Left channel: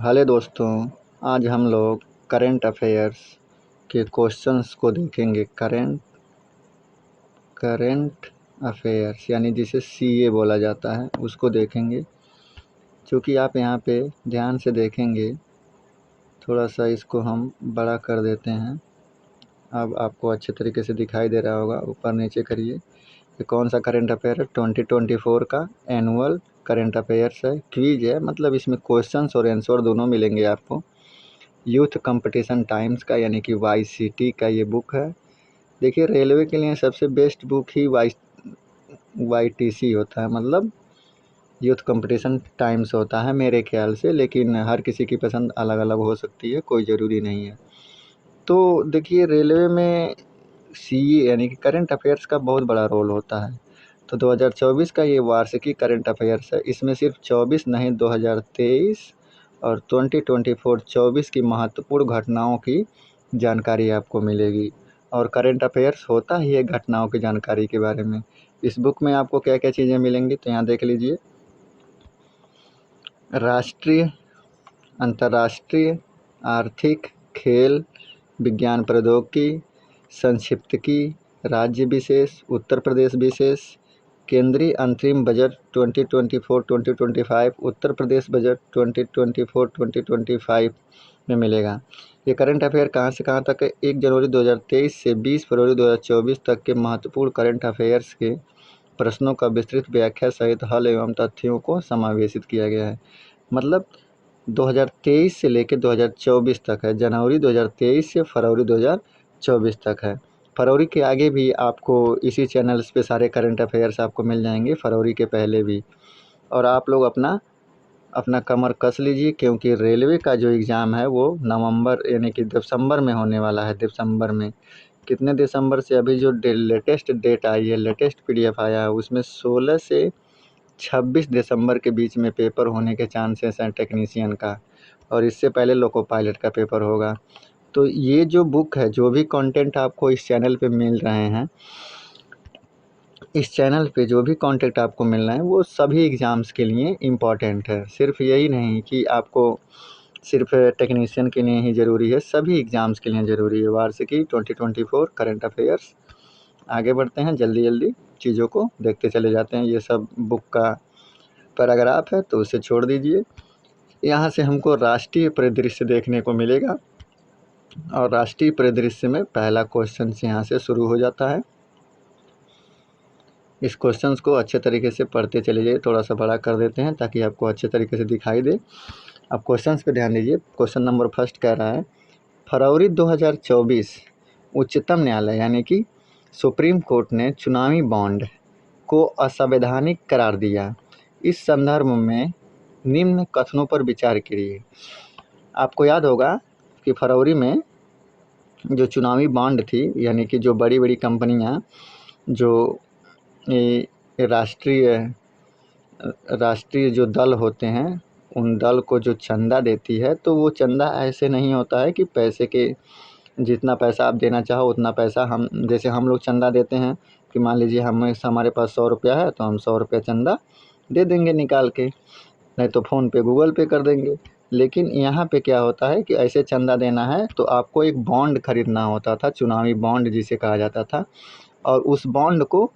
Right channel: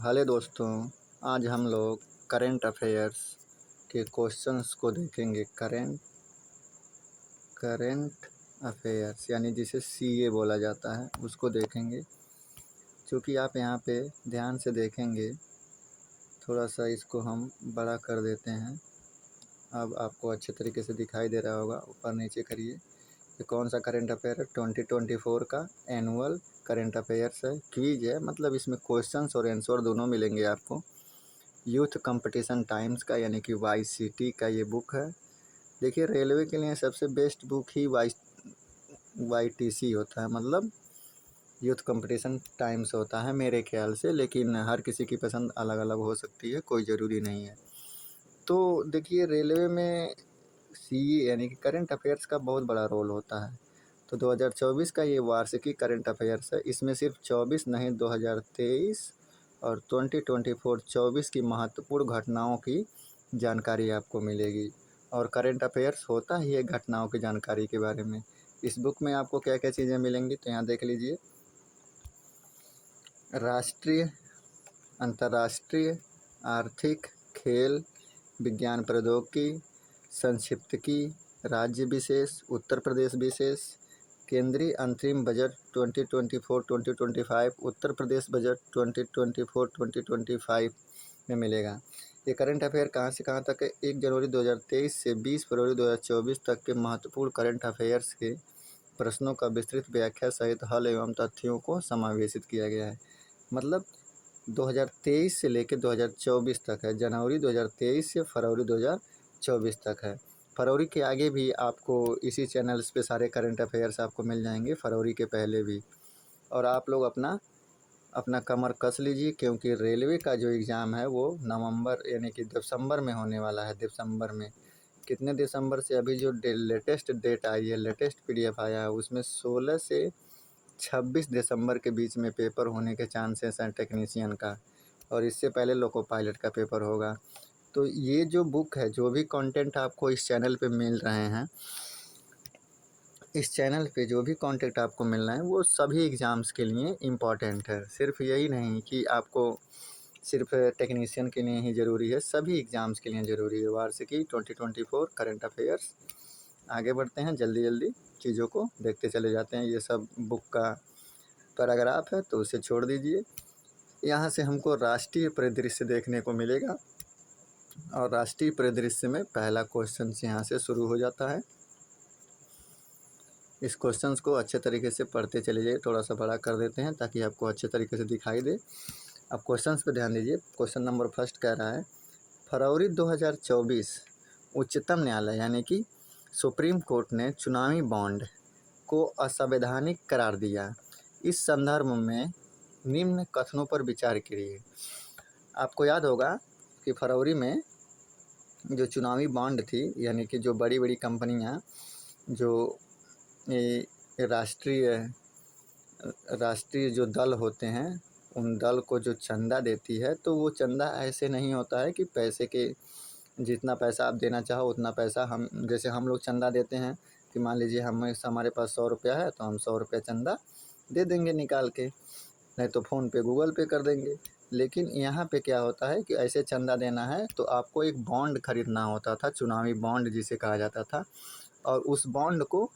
Hello दोस्तों। आज हम लोग करंट अफेयर्स के क्वेश्चंस को देखेंगे। करंट अफेयर्स यानी जिसे सीए बोला जाता है उसको देखेंगे। क्योंकि आप यहाँ पे ध्यान से देखेंगे, थोड़ा सा इसको हम बड़ा कर देते हैं। अब आपको अच्छे तरीके से दिखाई दे रहा होगा। ऊपर नीचे करिए। ये कौन सा करंट अफेयर है? 2024 का एनुअल करंट अफेयर्स है। क्विज है, मतलब इसमें क्वेश्चंस और आंसर दोनों मिलेंगे आपको। यूथ कंपटीशन टाइम्स का यानी कि YCT का ये बुक है। देखिए, रेलवे के लिए सबसे बेस्ट बुक ही YTC होता है, मतलब यूथ कंपटीशन टाइम्स होता है मेरे ख्याल से। लेकिन हर किसी की पसंद अलग अलग हो सकती है, कोई ज़रूरी नहीं है। तो देखिए, रेलवे में CE यानी कि करंट अफेयर्स का बहुत बड़ा रोल होता है। तो 2024 का ये वार्षिकी करंट अफेयर्स है। इसमें सिर्फ 24 नहीं, 2023 और 2024 की महत्वपूर्ण घटनाओं की जानकारी आपको मिलेगी। और करंट अफेयर्स होता ही है घटनाओं की जानकारी के बारे में। इस बुक में आपको क्या क्या चीज़ें मिलेंगी, तो यहाँ देख लीजिए। राष्ट्रीय, अंतर्राष्ट्रीय, आर्थिक, खेल, विज्ञान प्रौद्योगिकी, संक्षिप्तकी, राज्य विशेष, उत्तर प्रदेश विशेष, केंद्रीय अंतरिम बजट 2024-2025, उत्तर प्रदेश बजट 2024-2025 में मिलेगा। ये करंट अफेयर कहाँ से कहाँ तक है? 1 जनवरी 2023 से 20 फरवरी 2024 तक के महत्वपूर्ण करंट अफेयर्स के प्रश्नों का विस्तृत व्याख्या सहित हल एवं तथ्यों को समावेशित किया गया है। मतलब 2023 से लेकर 2024 तक है। जनवरी 2023 से फरवरी 2024 तक है। फरवरी के आगे भी आपको इसी चैनल्स पे सारे करंट अफेयर्स आपको मिल जाएंगे, फरवरी के पहले भी। और आप लोग अपना अपना कमर कस लीजिए, क्योंकि रेलवे का जो एग्ज़ाम है वो नवंबर यानी कि दिसंबर में होने वाला है। दिसंबर में कितने दिसंबर से? अभी जो लेटेस्ट डेट आई है, लेटेस्ट PDF आया है, उसमें 16 से 26 दिसंबर के बीच में पेपर होने के चांसेस हैं टेक्नीशियन का। और इससे पहले लोको पायलट का पेपर होगा। तो ये जो बुक है, जो भी कंटेंट आपको इस चैनल पे मिल रहे हैं, इस चैनल पे जो भी कंटेंट आपको मिल रहा है वो सभी एग्ज़ाम्स के लिए इम्पॉर्टेंट है। सिर्फ यही नहीं कि आपको सिर्फ टेक्नीशियन के लिए ही ज़रूरी है, सभी एग्ज़ाम्स के लिए ज़रूरी है। वार्षिकी 2024 करंट अफेयर्स। आगे बढ़ते हैं, जल्दी जल्दी चीज़ों को देखते चले जाते हैं। ये सब बुक का पैराग्राफ है तो उसे छोड़ दीजिए। यहाँ से हमको राष्ट्रीय परिदृश्य देखने को मिलेगा। और राष्ट्रीय परिदृश्य में पहला क्वेश्चन यहाँ से शुरू हो जाता है। इस क्वेश्चंस को अच्छे तरीके से पढ़ते चले जाइए। थोड़ा सा बड़ा कर देते हैं ताकि आपको अच्छे तरीके से दिखाई दे। अब क्वेश्चंस पे ध्यान दीजिए। क्वेश्चन नंबर फर्स्ट कह रहा है, फरवरी 2024 उच्चतम न्यायालय यानी कि सुप्रीम कोर्ट ने चुनावी बॉन्ड को असंवैधानिक करार दिया। इस संदर्भ में निम्न कथनों पर विचार करिए। आपको याद होगा कि फरवरी में जो चुनावी बॉन्ड थी, यानी कि जो बड़ी बड़ी कंपनियां जो राष्ट्रीय राष्ट्रीय जो दल होते हैं, उन दल को जो चंदा देती है, तो वो चंदा ऐसे नहीं होता है कि पैसे के जितना पैसा आप देना चाहो उतना पैसा हम, जैसे हम लोग चंदा देते हैं कि मान लीजिए हमारे पास 100 रुपया है तो हम 100 रुपया चंदा दे देंगे निकाल के, नहीं तो फ़ोन पे गूगल पे कर देंगे। लेकिन यहाँ पे क्या होता है कि ऐसे चंदा देना है तो आपको एक बॉन्ड खरीदना होता था, चुनावी बॉन्ड जिसे कहा जाता था। और उस बॉन्ड को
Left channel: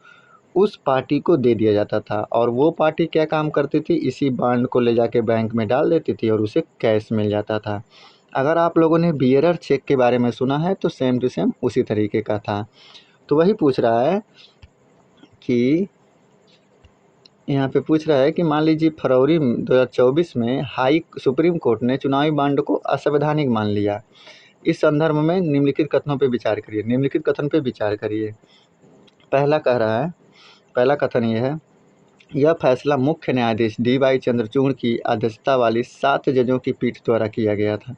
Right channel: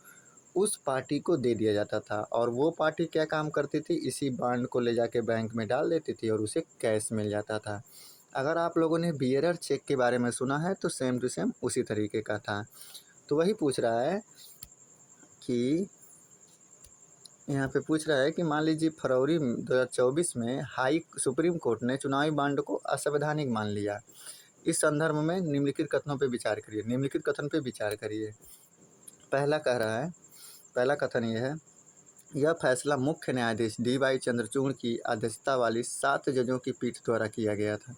उस पार्टी को दे दिया जाता था। और वो पार्टी क्या काम करती थी? इसी बॉन्ड को ले जाके बैंक में डाल देती थी और उसे कैश मिल जाता था। अगर आप लोगों ने बियरर चेक के बारे में सुना है तो सेम टू सेम उसी तरीके का था। तो वही पूछ रहा है कि यहाँ पे पूछ रहा है कि मान लीजिए फरवरी 2024 में सुप्रीम कोर्ट ने चुनावी बॉन्ड को असंवैधानिक मान लिया। इस संदर्भ में निम्नलिखित कथनों पे विचार करिए। निम्नलिखित कथन पे विचार करिए। पहला कह रहा है, पहला कथन ये है, यह फैसला मुख्य न्यायाधीश DY चंद्रचूड़ की अध्यक्षता वाली 7 जजों की पीठ द्वारा किया गया था।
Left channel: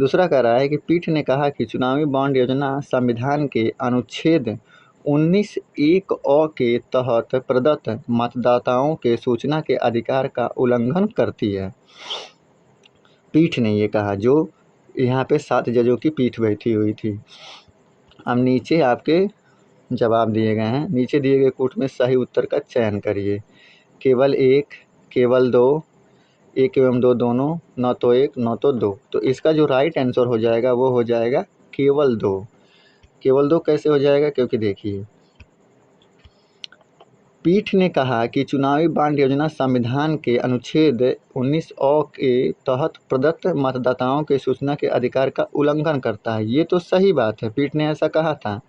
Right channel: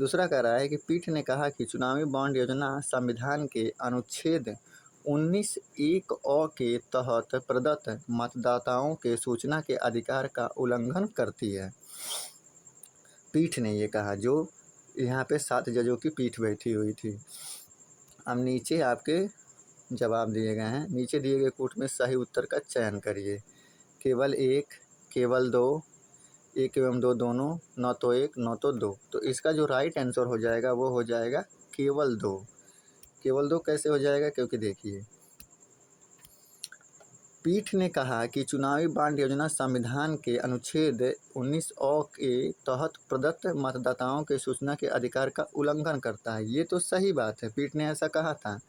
दूसरा कह रहा है कि पीठ ने कहा कि चुनावी बॉन्ड योजना संविधान के अनुच्छेद 19(1)(अ) के तहत प्रदत्त मतदाताओं के सूचना के अधिकार का उल्लंघन करती है। पीठ ने ये कहा, जो यहाँ पे 7 जजों की पीठ बैठी हुई थी। अब नीचे आपके जवाब दिए गए हैं। नीचे दिए गए कोट में सही उत्तर का चयन करिए। केवल 1, केवल 2, 1 एवं 2 दोनों, न तो 1 न तो 2। तो इसका जो राइट आंसर हो जाएगा वो हो जाएगा केवल 2। केवल 2 कैसे हो जाएगा? क्योंकि देखिए, पीठ ने कहा कि चुनावी बॉन्ड योजना संविधान के अनुच्छेद 19 के तहत प्रदत्त मतदाताओं के सूचना के अधिकार का उल्लंघन करता है। ये तो सही बात है, पीठ ने ऐसा कहा था।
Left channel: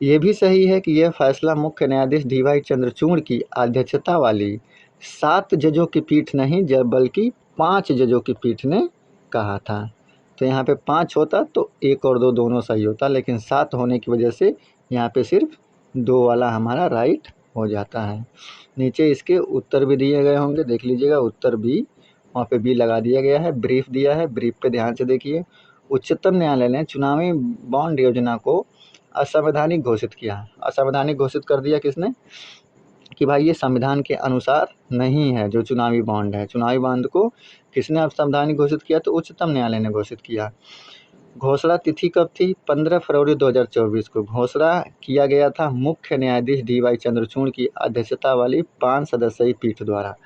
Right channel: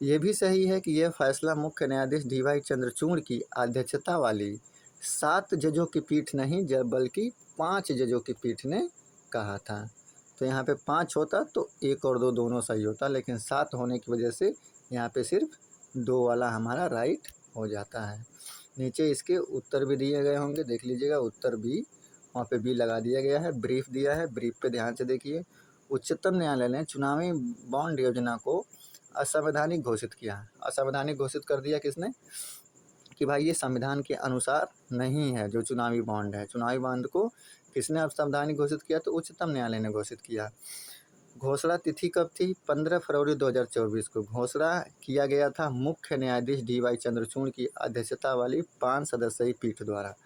ये भी सही है कि यह फैसला मुख्य न्यायाधीश डी.वाई. चंद्रचूड़ की अध्यक्षता वाली 7 जजों की पीठ नहीं बल्कि 5 जजों की पीठ ने कहा था। तो यहाँ पे 5 होता तो 1 और 2 दोनों सही होता, लेकिन 7 होने की वजह से यहाँ पे सिर्फ 2 वाला हमारा राइट हो जाता है। नीचे इसके उत्तर भी दिए गए होंगे, देख लीजिएगा, उत्तर बी, वहाँ पे बी लगा दिया गया है। ब्रीफ दिया है, ब्रीफ पे ध्यान से देखिए। उच्चतम न्यायालय ने चुनावी बॉन्ड योजना को असंवैधानिक घोषित किया। असंवैधानिक घोषित कर दिया किसने? कि भाई ये संविधान के अनुसार नहीं है। जो चुनावी बॉन्ड है, चुनावी बॉन्ड को किसने असंवैधानिक घोषित किया? तो उच्चतम न्यायालय ने घोषित किया। घोषणा तिथि कब थी? 15 फरवरी 2024 को घोषणा किया गया था मुख्य न्यायाधीश डी.वाई. चंद्रचूड़ की अध्यक्षता वाली 5 सदस्यीय पीठ द्वारा।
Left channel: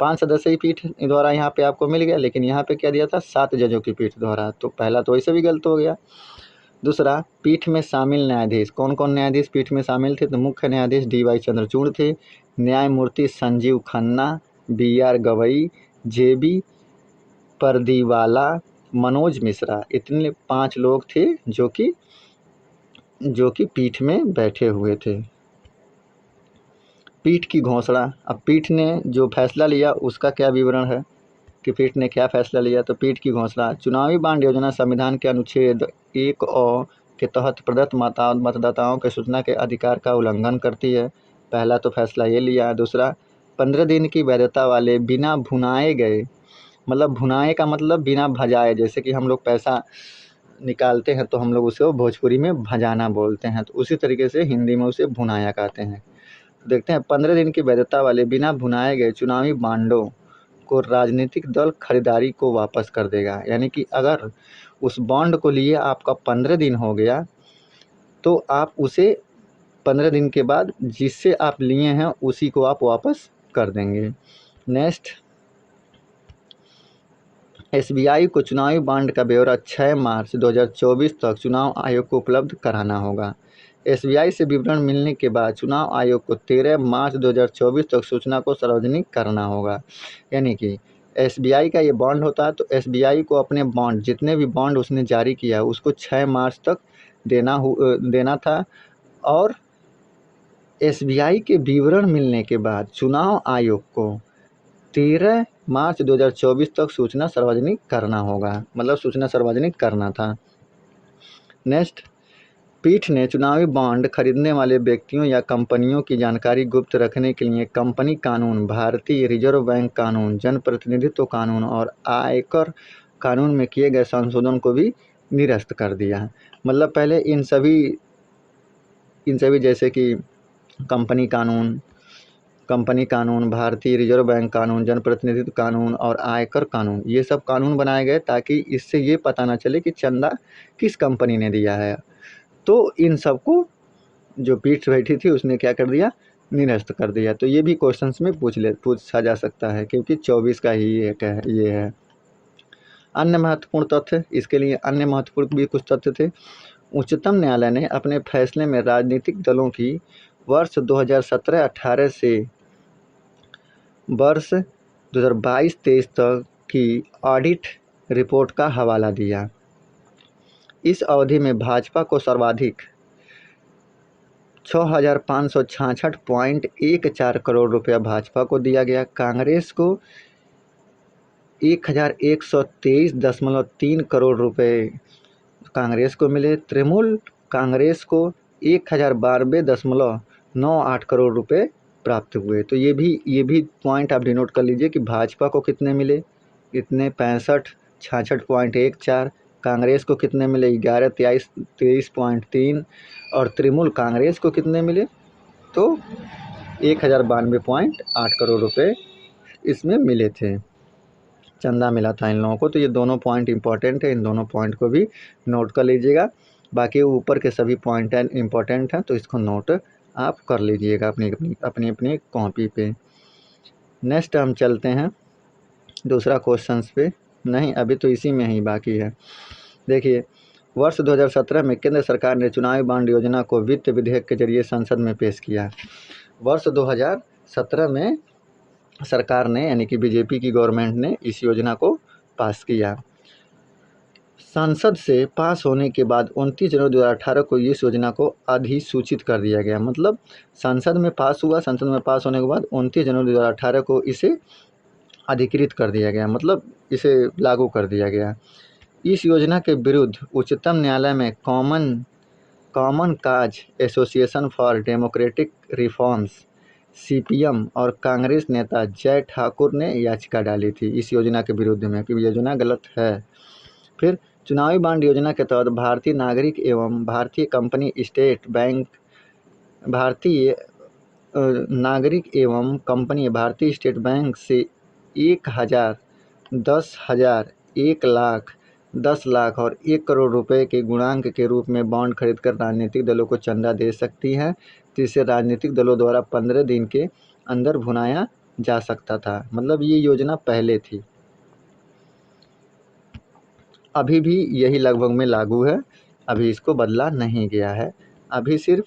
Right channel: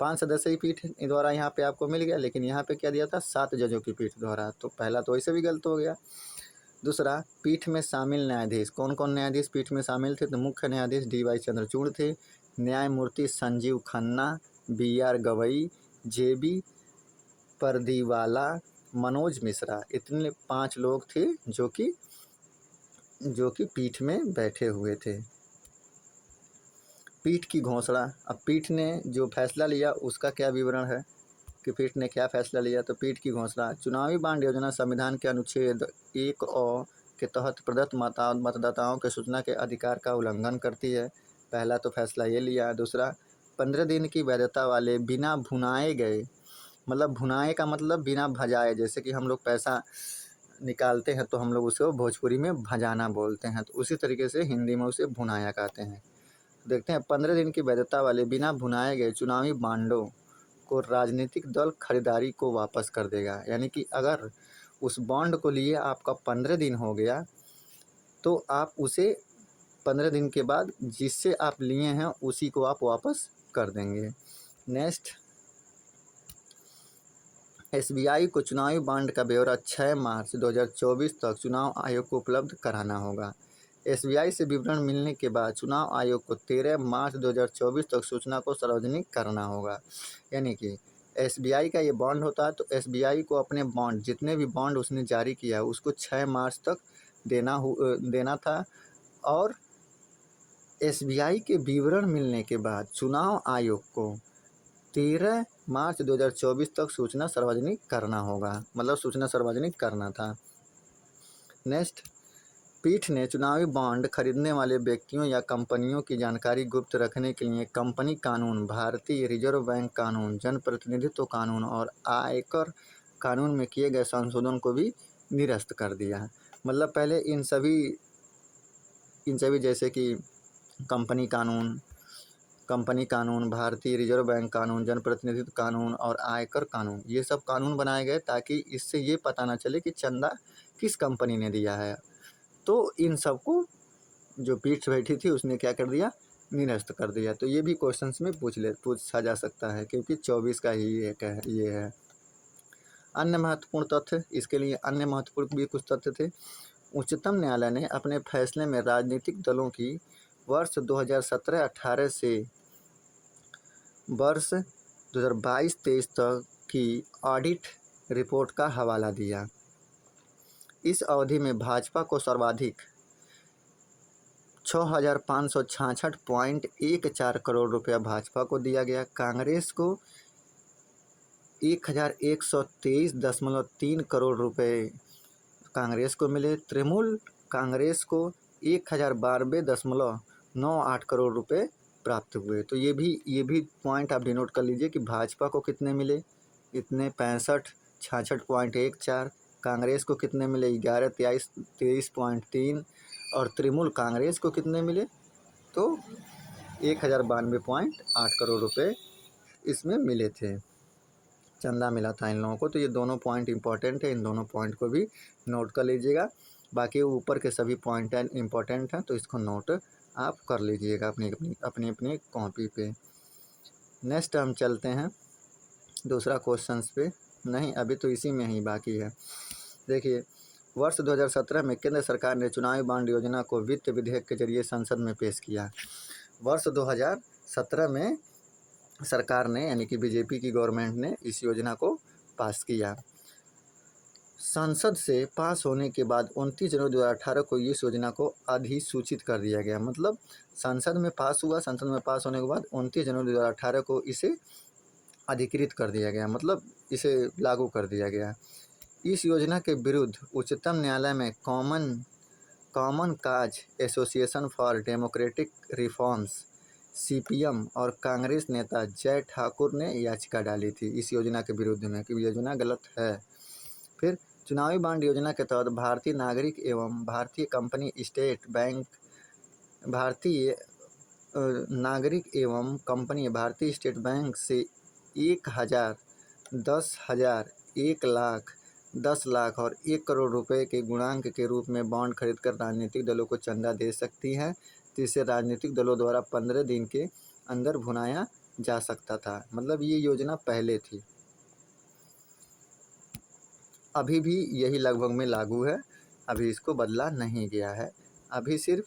5 सदस्यीय पीठ द्वारा यहाँ पे आपको मिल गया, लेकिन यहाँ पे क्या दिया था? 7 जजों की पीठ द्वारा। तो पहला तो वैसे भी गलत हो गया। दूसरा, पीठ में शामिल न्यायाधीश, कौन कौन न्यायाधीश पीठ में शामिल थे? तो मुख्य न्यायाधीश डी.वाई. चंद्रचूड़ थे, न्यायमूर्ति संजीव खन्ना, बी.आर. गवई, जे.बी. परदीवाला, मनोज मिश्रा, इतने 5 लोग थे जो कि पीठ में बैठे हुए थे। पीठ की घोषणा, अब पीठ ने जो फैसला लिया उसका क्या विवरण है कि पीठ ने क्या फैसला लिया? तो पीठ की घोषणा, चुनावी बॉन्ड योजना संविधान के अनुच्छेद 1 के तहत प्रदत्त मतदाताओं के सूचना के अधिकार का उल्लंघन करती है। पहला तो फैसला ये लिया। दूसरा, 15 दिन की वैधता वाले बिना भुनाए गए, मतलब भुनाए का मतलब बिना भजाए, जैसे कि हम लोग पैसा निकालते हैं तो हम लोग उसको भोजपुरी में भजाना बोलते हैं, तो उसी तरीके से हिंदी में उसे भुनाया कहते हैं। देखते हैं, 15 दिन की वैधता वाले बिना भुनाए गए चुनावी बांडों को राजनीतिक दल खरीदारी को वापस कर देगा। यानी कि अगर उस बॉन्ड को लिए आपका 15 दिन हो गया तो आप उसे 15 दिन के बाद जिससे आप लिए हैं उसी को आप वापस कर देंगे। नेक्स्ट, एसबीआई को चुनावी बॉन्ड का ब्यौरा 6 मार्च 2024 तक चुनाव आयोग को उपलब्ध कराना होगा। एसबीआई से विवरण मिलने के बाद चुनाव आयोग को 13 मार्च 2024 तक सूचना को सार्वजनिक करना होगा। यानी कि एसबीआई का ये बॉन्ड होता है, तो एसबीआई को अपने बॉन्ड, जितने भी बॉन्ड उसने जारी किया है उसको 6 मार्च तक देना था। और एसबीआई के विवरण मिलने के बाद चुनाव आयोग को 13 मार्च 2024 तक सूचना सार्वजनिक करना होगा, मतलब सूचना सार्वजनिक करना था। नेक्स्ट, पीठ ने चुनावी बॉन्ड खरीदने वाले व्यक्तियों या कंपनियों की जानकारी गुप्त रखने के लिए कंपनी कानून, भारतीय रिजर्व बैंक कानून, जनप्रतिनिधित्व कानून और आयकर कानून में किए गए संशोधन को भी निरस्त कर दिया। मतलब पहले इन सभी जैसे कि कंपनी कानून, भारतीय रिजर्व बैंक कानून, जनप्रतिनिधित्व कानून और आयकर कानून, ये सब कानून बनाए गए ताकि इससे ये पता ना चले कि चंदा किस कंपनी ने दिया है। तो इन सबको जो पीठ बैठी थी उसने क्या कर दिया? निरस्त कर दिया। तो ये भी क्वेश्चंस में पूछा जा सकता है, क्योंकि 24 का ही ये है। अन्य महत्वपूर्ण तथ्य, इसके लिए अन्य महत्वपूर्ण भी कुछ तथ्य थे। उच्चतम न्यायालय ने अपने फैसले में राजनीतिक दलों की वर्ष 2017-18 से वर्ष 2022-23 तक की ऑडिट रिपोर्ट का हवाला दिया। इस अवधि में भाजपा को सर्वाधिक 6,566.14 करोड़ रुपया भाजपा को दिया गया, कांग्रेस को 1,123.3 करोड़ रुपए कांग्रेस को मिले, तृणमूल कांग्रेस को 1,092.98 करोड़ रुपए प्राप्त हुए। तो ये भी पॉइंट आप डिनोट कर लीजिए कि भाजपा को कितने मिले, इतने 66.14, कांग्रेस को कितने मिले 11,23.3 और तृणमूल कांग्रेस को कितने मिले तो 1,092.8 करोड़ रुपए इसमें मिले थे, चंदा मिला था इन लोगों को। तो ये दोनों पॉइंट इंपॉर्टेंट है, इन दोनों पॉइंट को भी नोट कर लीजिएगा। बाकी ऊपर के सभी पॉइंट इंपॉर्टेंट हैं, तो इसको नोट आप कर लीजिएगा अपनी कॉपी पे। नेक्स्ट हम चलते हैं दूसरा क्वेश्चन पे नहीं, अभी तो इसी में ही बाकी है। देखिए, वर्ष 2017 में केंद्र सरकार ने चुनावी बॉन्ड योजना को वित्त विधेयक के जरिए संसद में पेश किया। वर्ष 2017 में सरकार ने यानी कि बीजेपी की गवर्नमेंट ने इस योजना को पास किया। संसद से पास होने के बाद 29 जनवरी 2018 को इस योजना को अधिसूचित कर दिया गया। मतलब संसद में पास हुआ, संसद में पास होने के बाद 29 जनवरी 2018 को इसे अधिकृत कर दिया गया, मतलब इसे लागू कर दिया गया। इस योजना के विरुद्ध उच्चतम न्यायालय में common cause association for democratic reforms CPM और कांग्रेस नेता जय ठाकुर ने याचिका डाली थी इस योजना के विरुद्ध में कि योजना गलत है। फिर चुनावी बॉन्ड योजना के तहत भारतीय नागरिक एवं भारतीय कंपनी स्टेट बैंक भारतीय नागरिक एवं कंपनी भारतीय स्टेट बैंक से 1,000, 10,000, 1,00,000, 10 लाख और 1 करोड़ रुपए के गुणांक के रूप में बॉन्ड खरीदकर राजनीतिक दलों को चंदा दे सकती है। तो इसे राजनीतिक दलों द्वारा 15 दिन के अंदर भुनाया जा सकता था। मतलब ये योजना पहले थी, अभी भी यही लगभग में लागू है, अभी इसको बदला नहीं गया है। अभी सिर्फ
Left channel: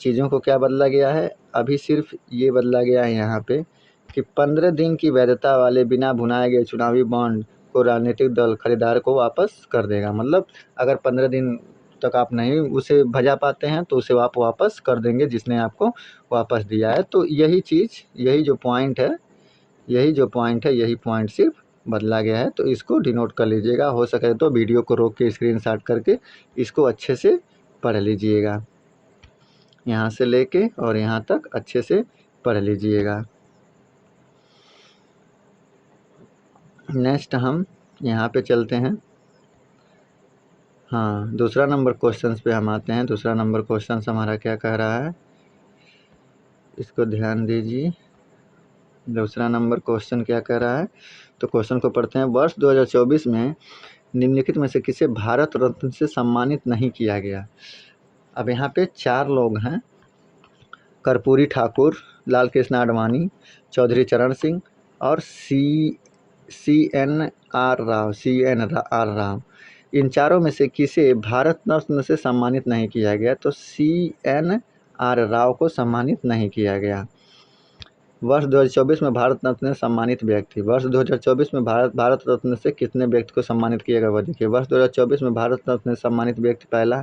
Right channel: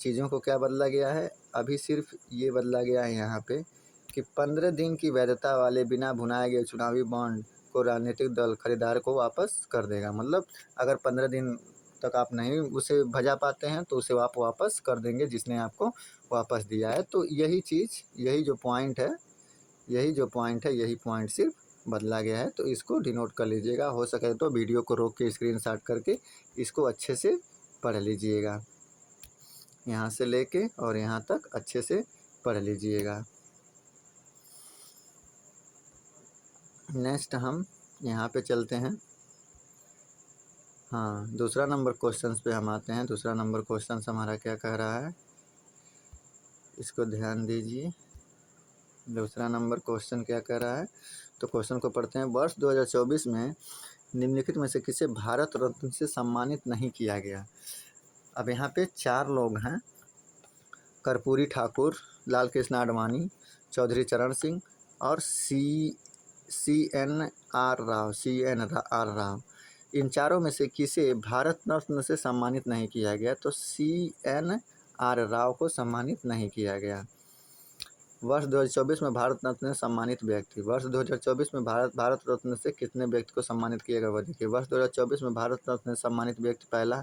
चीज़ों को क्या बदला गया है, अभी सिर्फ ये बदला गया है यहाँ पे कि 15 दिन की वैधता वाले बिना भुनाए गए चुनावी बॉन्ड को राजनीतिक दल खरीदार को वापस कर देगा। मतलब अगर 15 दिन तक आप नहीं उसे भजा पाते हैं तो उसे आप वापस कर देंगे जिसने आपको वापस दिया है। तो यही चीज़, यही जो पॉइंट है, यही पॉइंट सिर्फ बदला गया है। तो इसको डिनोट कर लीजिएगा, हो सके तो वीडियो को रोक के स्क्रीनशॉट करके इसको अच्छे से पढ़ लीजिएगा, यहाँ से लेके और यहाँ तक अच्छे से पढ़ लीजिएगा। नेक्स्ट हम यहाँ पे चलते हैं। हाँ, दूसरा नंबर क्वेश्चन पे हम आते हैं। दूसरा नंबर क्वेश्चन हमारा क्या कह रहा है, इसको ध्यान दीजिए। दूसरा नंबर क्वेश्चन क्या कह रहा है, तो क्वेश्चन को पढ़ते हैं। वर्ष 2024 में निम्नलिखित में से किसे भारत रत्न से सम्मानित नहीं किया गया। अब यहाँ पे 4 लोग हैं, कर्पूरी ठाकुर, लाल कृष्ण आडवाणी, चौधरी चरण सिंह और CN R राव। इन चारों में से किसे भारत रत्न से सम्मानित नहीं किया गया, तो CN R राव को सम्मानित नहीं किया गया। वर्ष 2024 में भारत रत्न से सम्मानित व्यक्ति, वर्ष 2024 में भारत रत्न से कितने व्यक्ति को सम्मानित किया गया वह देखिए। वर्ष 2024 में भारत रत्न से सम्मानित व्यक्ति, पहला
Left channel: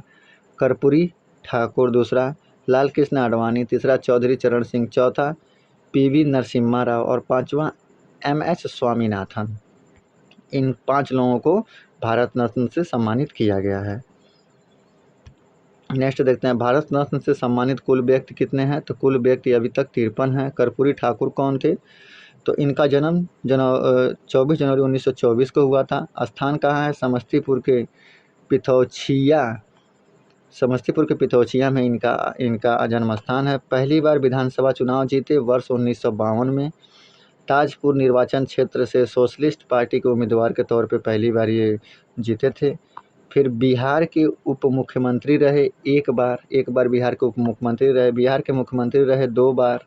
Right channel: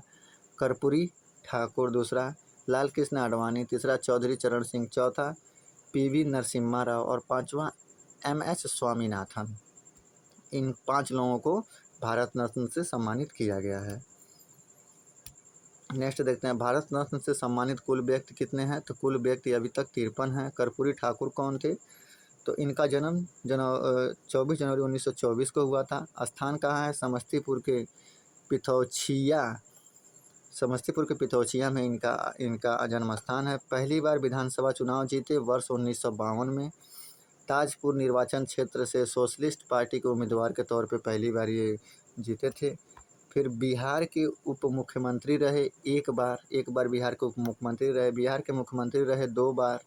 कर्पूरी ठाकुर, दूसरा लाल कृष्ण आडवाणी, तीसरा चौधरी चरण सिंह, चौथा PV नरसिम्हा राव और पांचवा MS स्वामीनाथन। इन 5 लोगों को भारत रत्न से सम्मानित किया गया है। नेक्स्ट देखते हैं, भारत रत्न से सम्मानित कुल व्यक्ति कितने हैं, तो कुल व्यक्ति अभी तक 53 हैं। कर्पूरी ठाकुर कौन थे, तो इनका जन्म 24 जनवरी 1924 को हुआ था। स्थान कहाँ है, समस्तीपुर के पिथौछिया में इनका जन्म स्थान है। पहली बार विधानसभा चुनाव जीते वर्ष 1952 में। ताजपुर निर्वाचन क्षेत्र से सोशलिस्ट पार्टी के उम्मीदवार के तौर पे पहली बार ये जीते थे। फिर बिहार के उप मुख्यमंत्री रहे एक बार बिहार के उप मुख्यमंत्री रहे। बिहार के मुख्यमंत्री रहे 2 बार,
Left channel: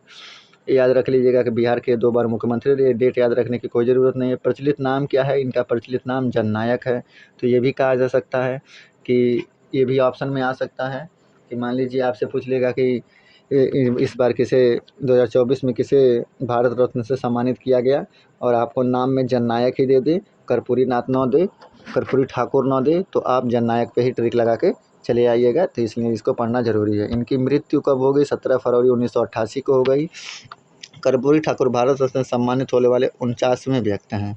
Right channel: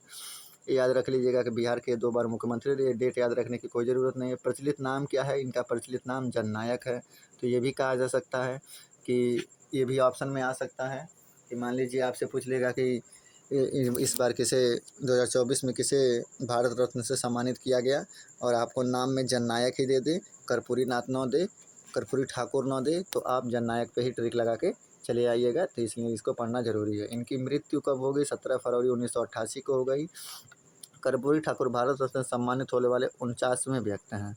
याद रख लीजिएगा कि बिहार के 2 बार मुख्यमंत्री रहे। डेट याद रखने की कोई ज़रूरत नहीं है। प्रचलित नाम क्या है, इनका प्रचलित नाम जननायक है। तो ये भी कहा जा सकता है कि ये भी ऑप्शन में आ सकता है कि मान लीजिए आपसे पूछ लेगा कि इस बार किसे 2024 में किसे भारत रत्न से सम्मानित किया गया और आपको नाम में जननायक ही दे दे, कर्पूरी ठाकुर न दे, तो आप जननायक पे ही ट्रिक लगा के चले आइएगा। तो इसलिए इसको पढ़ना जरूरी है। इनकी मृत्यु कब हो गई, 17 फरवरी 1988 को हो गई। कर्पूरी ठाकुर भारत रत्न से सम्मानित होने वाले 49वें व्यक्ति हैं।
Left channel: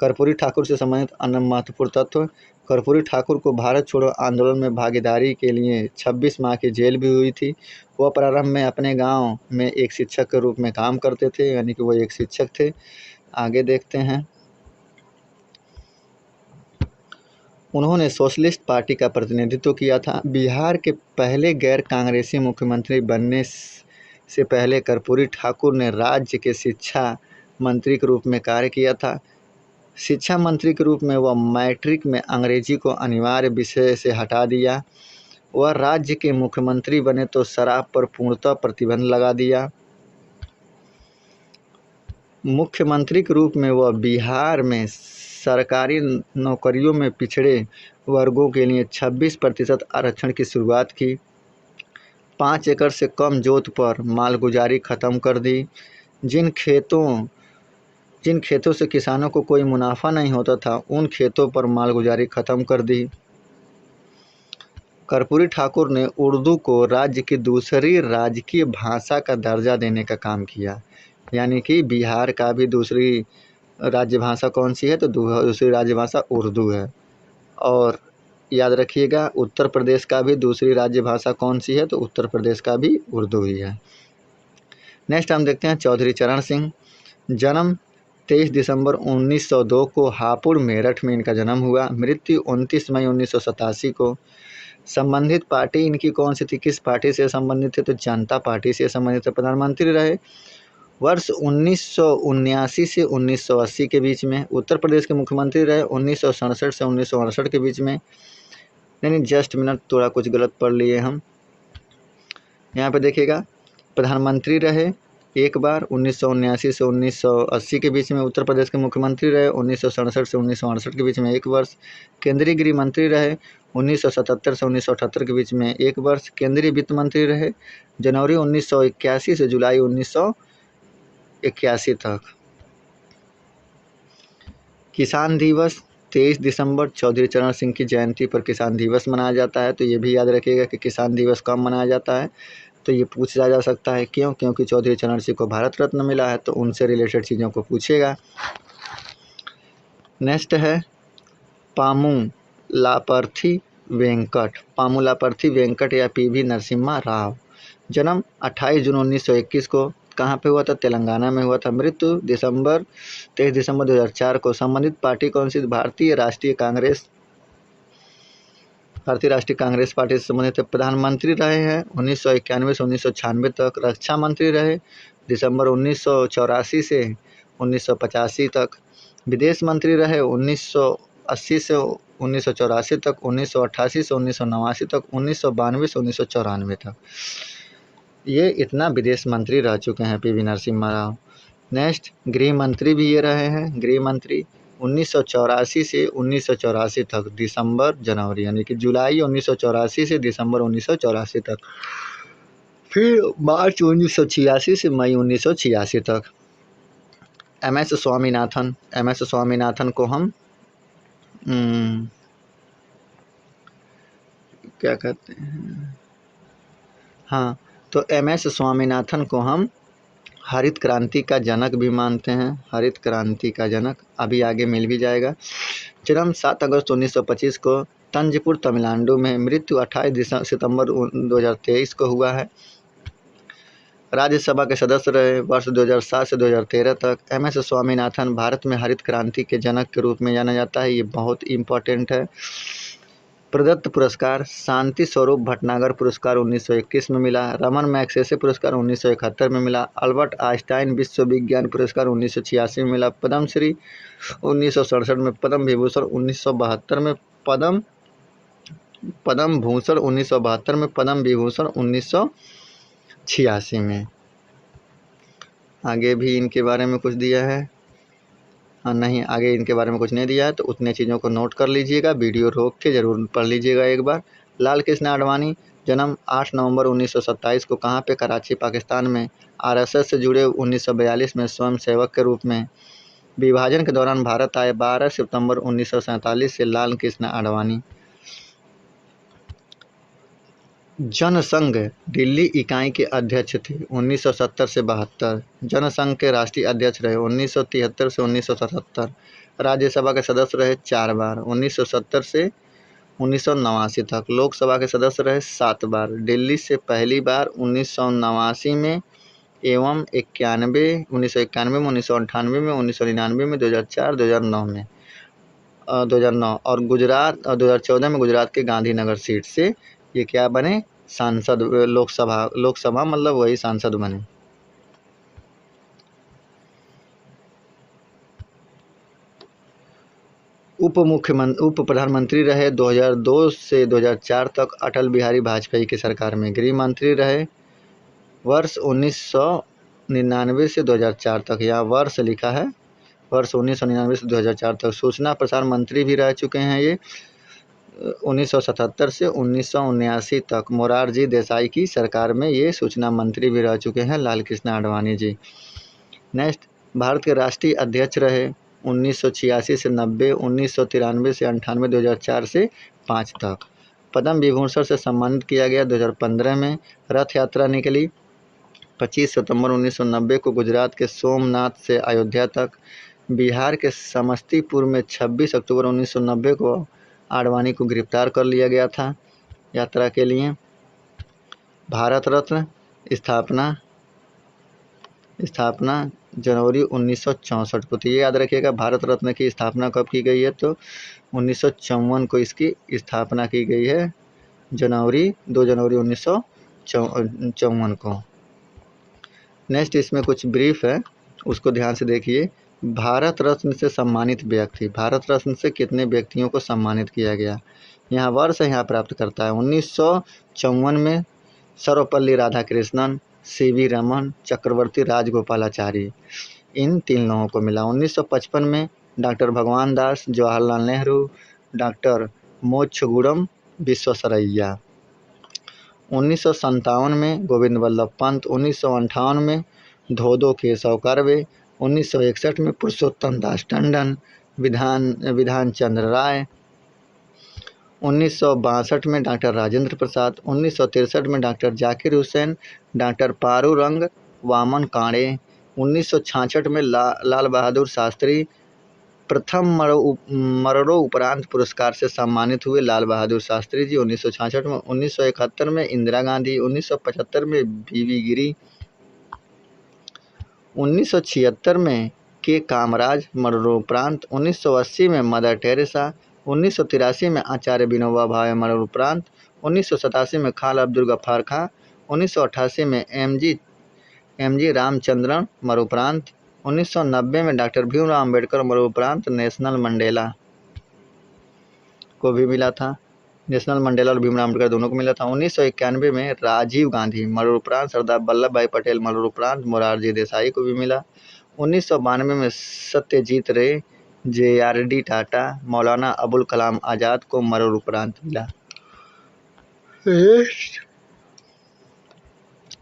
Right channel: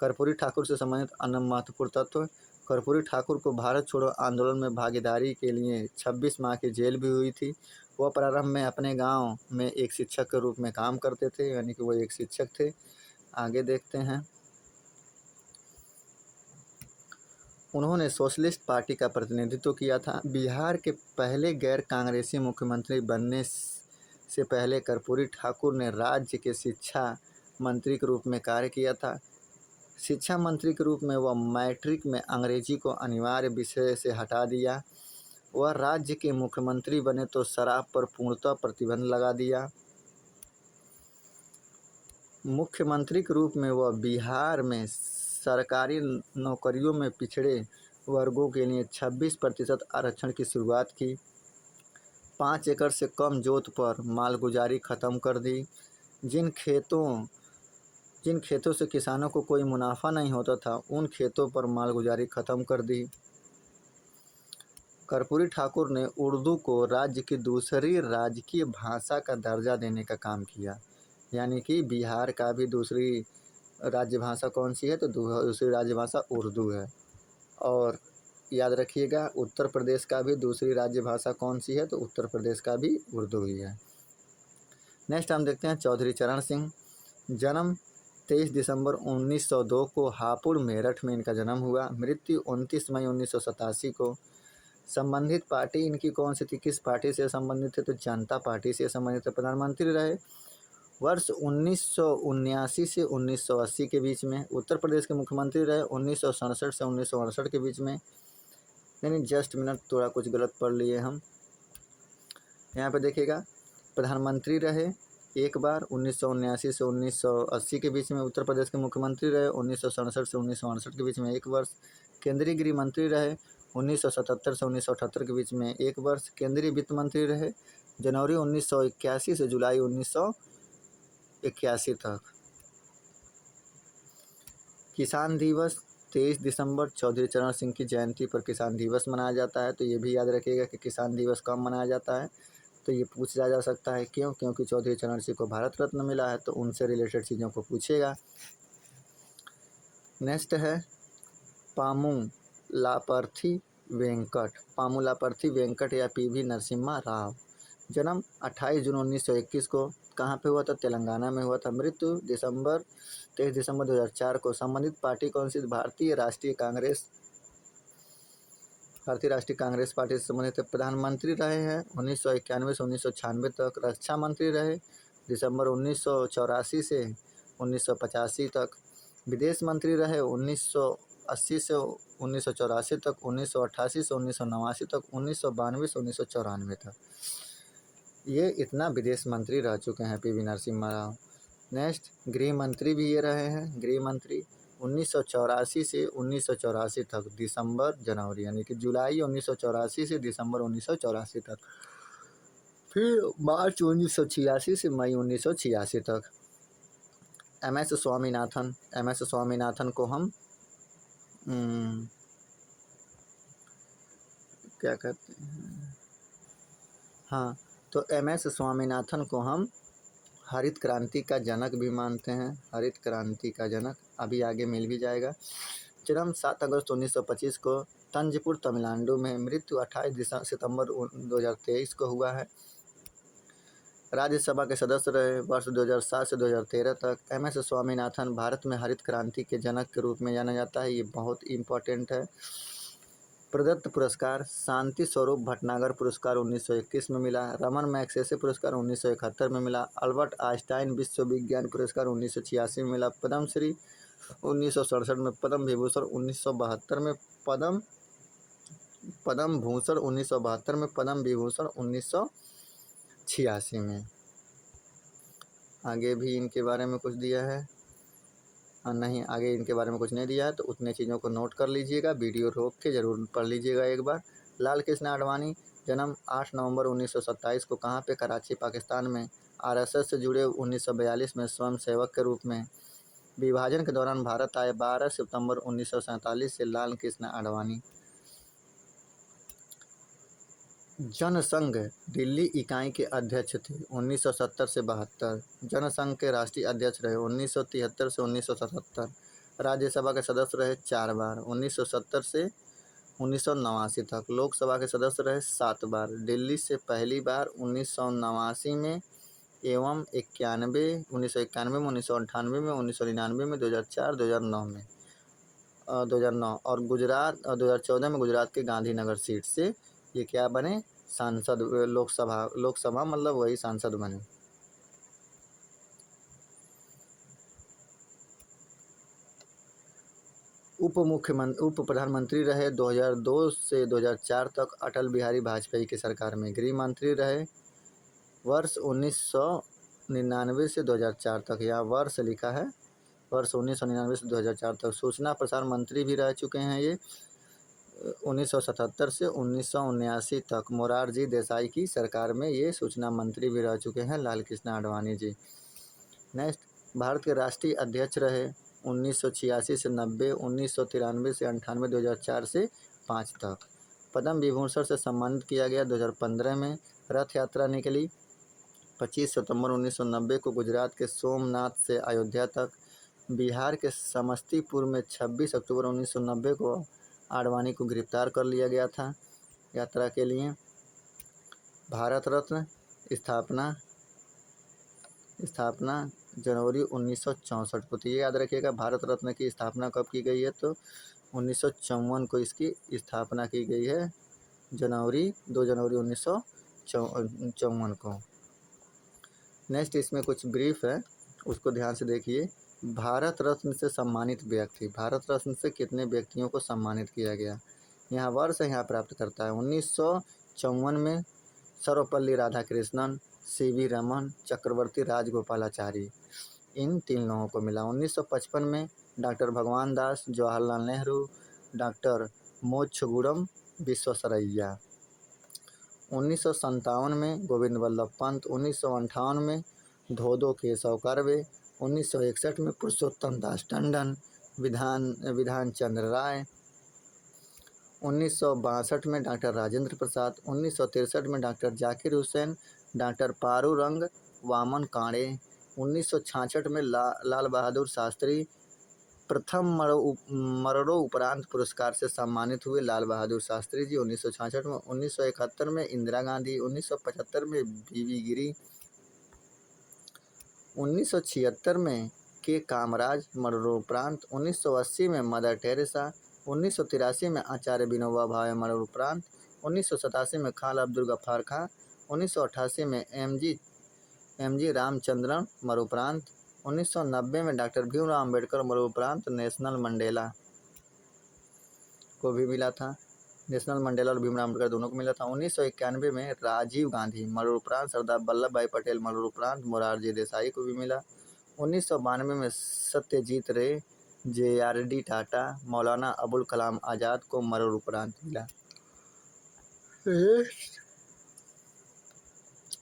कर्पूरी ठाकुर से संबंधित अन्य महत्वपूर्ण तत्व, कर्पूरी ठाकुर को भारत छोड़ो आंदोलन में भागीदारी के लिए 26 माह की जेल भी हुई थी। वह प्रारंभ में अपने गांव में एक शिक्षक के रूप में काम करते थे, यानी कि वो एक शिक्षक थे। आगे देखते हैं, उन्होंने सोशलिस्ट पार्टी का प्रतिनिधित्व किया था। बिहार के पहले गैर कांग्रेसी मुख्यमंत्री बनने से पहले कर्पूरी ठाकुर ने राज्य के शिक्षा मंत्री के रूप में कार्य किया था। शिक्षा मंत्री के रूप में वह मैट्रिक में अंग्रेजी को अनिवार्य विषय से हटा दिया। वह राज्य के मुख्यमंत्री बने तो शराब पर पूर्णतः प्रतिबंध लगा दिया। मुख्यमंत्री के रूप में वह बिहार में सरकारी नौकरियों में पिछड़े वर्गों के लिए 26% आरक्षण की शुरुआत की। 5 एकड़ से कम जोत पर मालगुजारी खत्म कर दी। जिन खेतों से किसानों को कोई मुनाफा नहीं होता था, उन खेतों पर मालगुजारी खत्म कर दी। कर्पूरी ठाकुर ने उर्दू को राज्य की दूसरी राजकीय भाषा का दर्जा देने का काम किया। यानी कि बिहार का भी दूसरी राज्य भाषा कौन सी है, तो दूसरी राज्य भाषा उर्दू है। और याद रखिएगा, उत्तर प्रदेश का भी दूसरी राज्य भाषा कौन सी है, तो उत्तर प्रदेश का भी उर्दू ही है। नेक्स्ट हम देखते हैं चौधरी चरण सिंह। जन्म 23 दिसंबर 1902 को हापुड़ मेरठ में इनका जन्म हुआ। मृत्यु 29 मई 1987 को। संबंधित पार्टी इनकी कौन सी थी, किस पार्टी से संबंधित थे, तो जनता पार्टी से संबंधित। प्रधानमंत्री रहे वर्ष 1979 से 1980 के बीच में। उत्तर प्रदेश के मुख्यमंत्री रहे 1967 से 1968 के बीच में। नहीं, जस्ट मिनट, थोड़ा कुछ गलत पढ़ लिए हम। यहाँ पे देखिएगा, प्रधानमंत्री रहे एक बार 1979 से 1980 के बीच में। उत्तर प्रदेश के मुख्यमंत्री रहे 1967 से 1968 के बीच में 1 वर्ष। केंद्रीय गृह मंत्री रहे 1977 से 1978 के बीच में 1 वर्ष। केंद्रीय वित्त मंत्री रहे जनवरी 1981 से जुलाई 1981 तक। किसान दिवस 23 दिसंबर चौधरी चरण सिंह की जयंती पर किसान दिवस मनाया जाता है। तो ये भी याद रखिएगा कि किसान दिवस कब मनाया जाता है, तो ये पूछा जा सकता है। क्यों? क्योंकि चौधरी चरण सिंह को भारत रत्न मिला है, तो उनसे रिलेटेड चीज़ों को पूछेगा। नेक्स्ट है पामू लापर्थी वेंकट। पामू लापर्थी वेंकट या पीवी नरसिम्हा राव। जन्म 28 जून 1921 को। कहाँ पे हुआ था? तेलंगाना में हुआ था। मृत्यु 23 दिसंबर 2004 को। संबंधित पार्टी कौन सी? भारतीय राष्ट्रीय कांग्रेस पार्टी से संबंधित। प्रधानमंत्री रहे हैं 1991 से 1996 तक। रक्षा मंत्री रहे दिसंबर 1984 से 1985 तक। विदेश मंत्री रहे 1980 से 1984 तक, 1988 से 1989 तक, 1992 से 1994 तक। ये इतना विदेश मंत्री रह चुके हैं पीवी नरसिम्हा राव। नेक्स्ट गृह मंत्री भी ये रहे हैं। गृह मंत्री 1984 से 1984 तक, दिसंबर जनवरी, यानी कि जुलाई 1984 से दिसंबर 1984 तक। फिर मार्च 1986 से मई 1986 तक। MS स्वामीनाथन को हम क्या कहते हैं, हाँ, तो MS स्वामीनाथन को हम हरित क्रांति का जनक भी मानते हैं। हरित क्रांति का जनक, अभी आगे मिल भी जाएगा। जन्म 7 अगस्त 1925 को तंजपुर तमिलनाडु में। मृत्यु 28 सितंबर 2023 को हुआ है। राज्यसभा के सदस्य रहे वर्ष 2007 से 2013 तक। MS स्वामीनाथन भारत में हरित क्रांति के जनक के रूप में जाना जाता है। ये बहुत इम्पोर्टेंट है। प्रदत्त पुरस्कार शांति स्वरूप भटनागर पुरस्कार 1921 में मिला। रमन मैग्सेसे पुरस्कार 1971 में मिला। अल्बर्ट आइंस्टाइन विश्व विज्ञान पुरस्कार 1986 में मिला। पद्मश्री 1967 में। पद्म विभूषण 1972 में। पद्म भूषण 1972 में। पद्म विभूषण 1986 में। आगे भी इनके बारे में कुछ दिया है? नहीं, आगे इनके बारे में कुछ नहीं दिया है, तो उतने चीज़ों को नोट कर लीजिएगा। वीडियो रोक के ज़रूर पढ़ लीजिएगा एक बार। लाल कृष्ण आडवाणी। जन्म 8 नवंबर 1927 को। कहाँ पे? कराची, पाकिस्तान में। RSS से जुड़े 1942 में स्वयं सेवक के रूप में। विभाजन के दौरान भारत आए 12 सितंबर 1947 से लाल कृष्ण आडवाणी। जनसंघ दिल्ली इकाई के अध्यक्ष थे 1970 से 72। जनसंघ के राष्ट्रीय अध्यक्ष रहे 1973 से 1977। राज्यसभा के सदस्य रहे 4 बार 1970 से 1989 तक। लोकसभा के सदस्य रहे 7 बार। दिल्ली से पहली बार 1989 में एवं 1991 में, 1998 में, 1999 में, 2004, 2009 और गुजरात 2014 में गुजरात के गांधीनगर सीट से ये क्या बने? सांसद। लोकसभा मतलब वही सांसद बने। उप प्रधानमंत्री रहे 2002 से 2004 तक अटल बिहारी वाजपेयी की सरकार में। गृह मंत्री रहे वर्ष 1999 से 2004 तक, यहाँ वर्ष लिखा है, वर्ष 1999 से 2004 तक। सूचना प्रसार मंत्री भी रह चुके हैं ये 1977 से 1979 तक। मोरारजी देसाई की सरकार में ये सूचना मंत्री भी रह चुके हैं लाल कृष्ण आडवाणी जी। नेक्स्ट, भारत के राष्ट्रीय अध्यक्ष रहे 1986 से 90, 1993 से 98, 2004 से 5 तक। पद्म विभूषण से सम्मानित किया गया 2015 में। रथ यात्रा निकली 25 सितंबर 1990 को गुजरात के सोमनाथ से अयोध्या तक। बिहार के समस्तीपुर में 26 अक्टूबर 1990 को आडवाणी को गिरफ्तार कर लिया गया था यात्रा के लिए। भारत रत्न स्थापना जनवरी 1964 को। तो ये याद रखिएगा, भारत रत्न की स्थापना कब की गई है, तो 1954 को इसकी स्थापना की गई है, 2 जनवरी 1954 को। नेक्स्ट, इसमें कुछ ब्रीफ है, उसको ध्यान से देखिए। भारत रत्न से सम्मानित व्यक्ति, भारत रत्न से कितने व्यक्तियों को सम्मानित किया गया, यहाँ वर्ष यहाँ प्राप्त करता है। 1954 में सर्वपल्ली राधाकृष्णन, सीवी रमन, चक्रवर्ती राजगोपालाचारी, इन 3 लोगों को मिला। 1955 में डॉक्टर भगवान दास, जवाहरलाल नेहरू, डॉक्टर मोक्षगुणम विश्वेश्वरैया। 1957 में गोविंद वल्लभ पंत, 1958 में धोदो केशव कर्वे, 1961 में पुरुषोत्तम दास टंडन, विधान चंद्र राय, 1962 में डॉक्टर राजेंद्र प्रसाद, 1963 में डॉक्टर जाकिर हुसैन, डॉक्टर पारूरंग वामन काणे, 1966 में लाल बहादुर शास्त्री प्रथम मरणोपरांत पुरस्कार से सम्मानित हुए लाल बहादुर शास्त्री जी 1966 में। 1971 में इंदिरा गांधी, 1975 में बीवी गिरी, 1976 में के कामराज मरणोपरांत, 1980 में मदर टेरेसा, 1983 में आचार्य विनोबा भावे मरणोपरांत, 1987 में खान अब्दुल गफ्फार खां, 1988 में एम जी रामचंद्रन मरणोपरांत, 1990 में डॉक्टर भीमराव अम्बेडकर मरणोपरांत नेशनल मंडेला को भी मिला था। नेशनल मंडेला और भीमराव अम्बेडकर दोनों को मिला था। 1991 में राजीव गांधी मरणोपरांत, सरदार वल्लभ भाई पटेल मरणोपरांत मोरारजी देसाई को भी मिला। 1992 में सत्यजीत रे, JRD टाटा, मौलाना अबुल कलाम आज़ाद को मरणोपरांत मिला।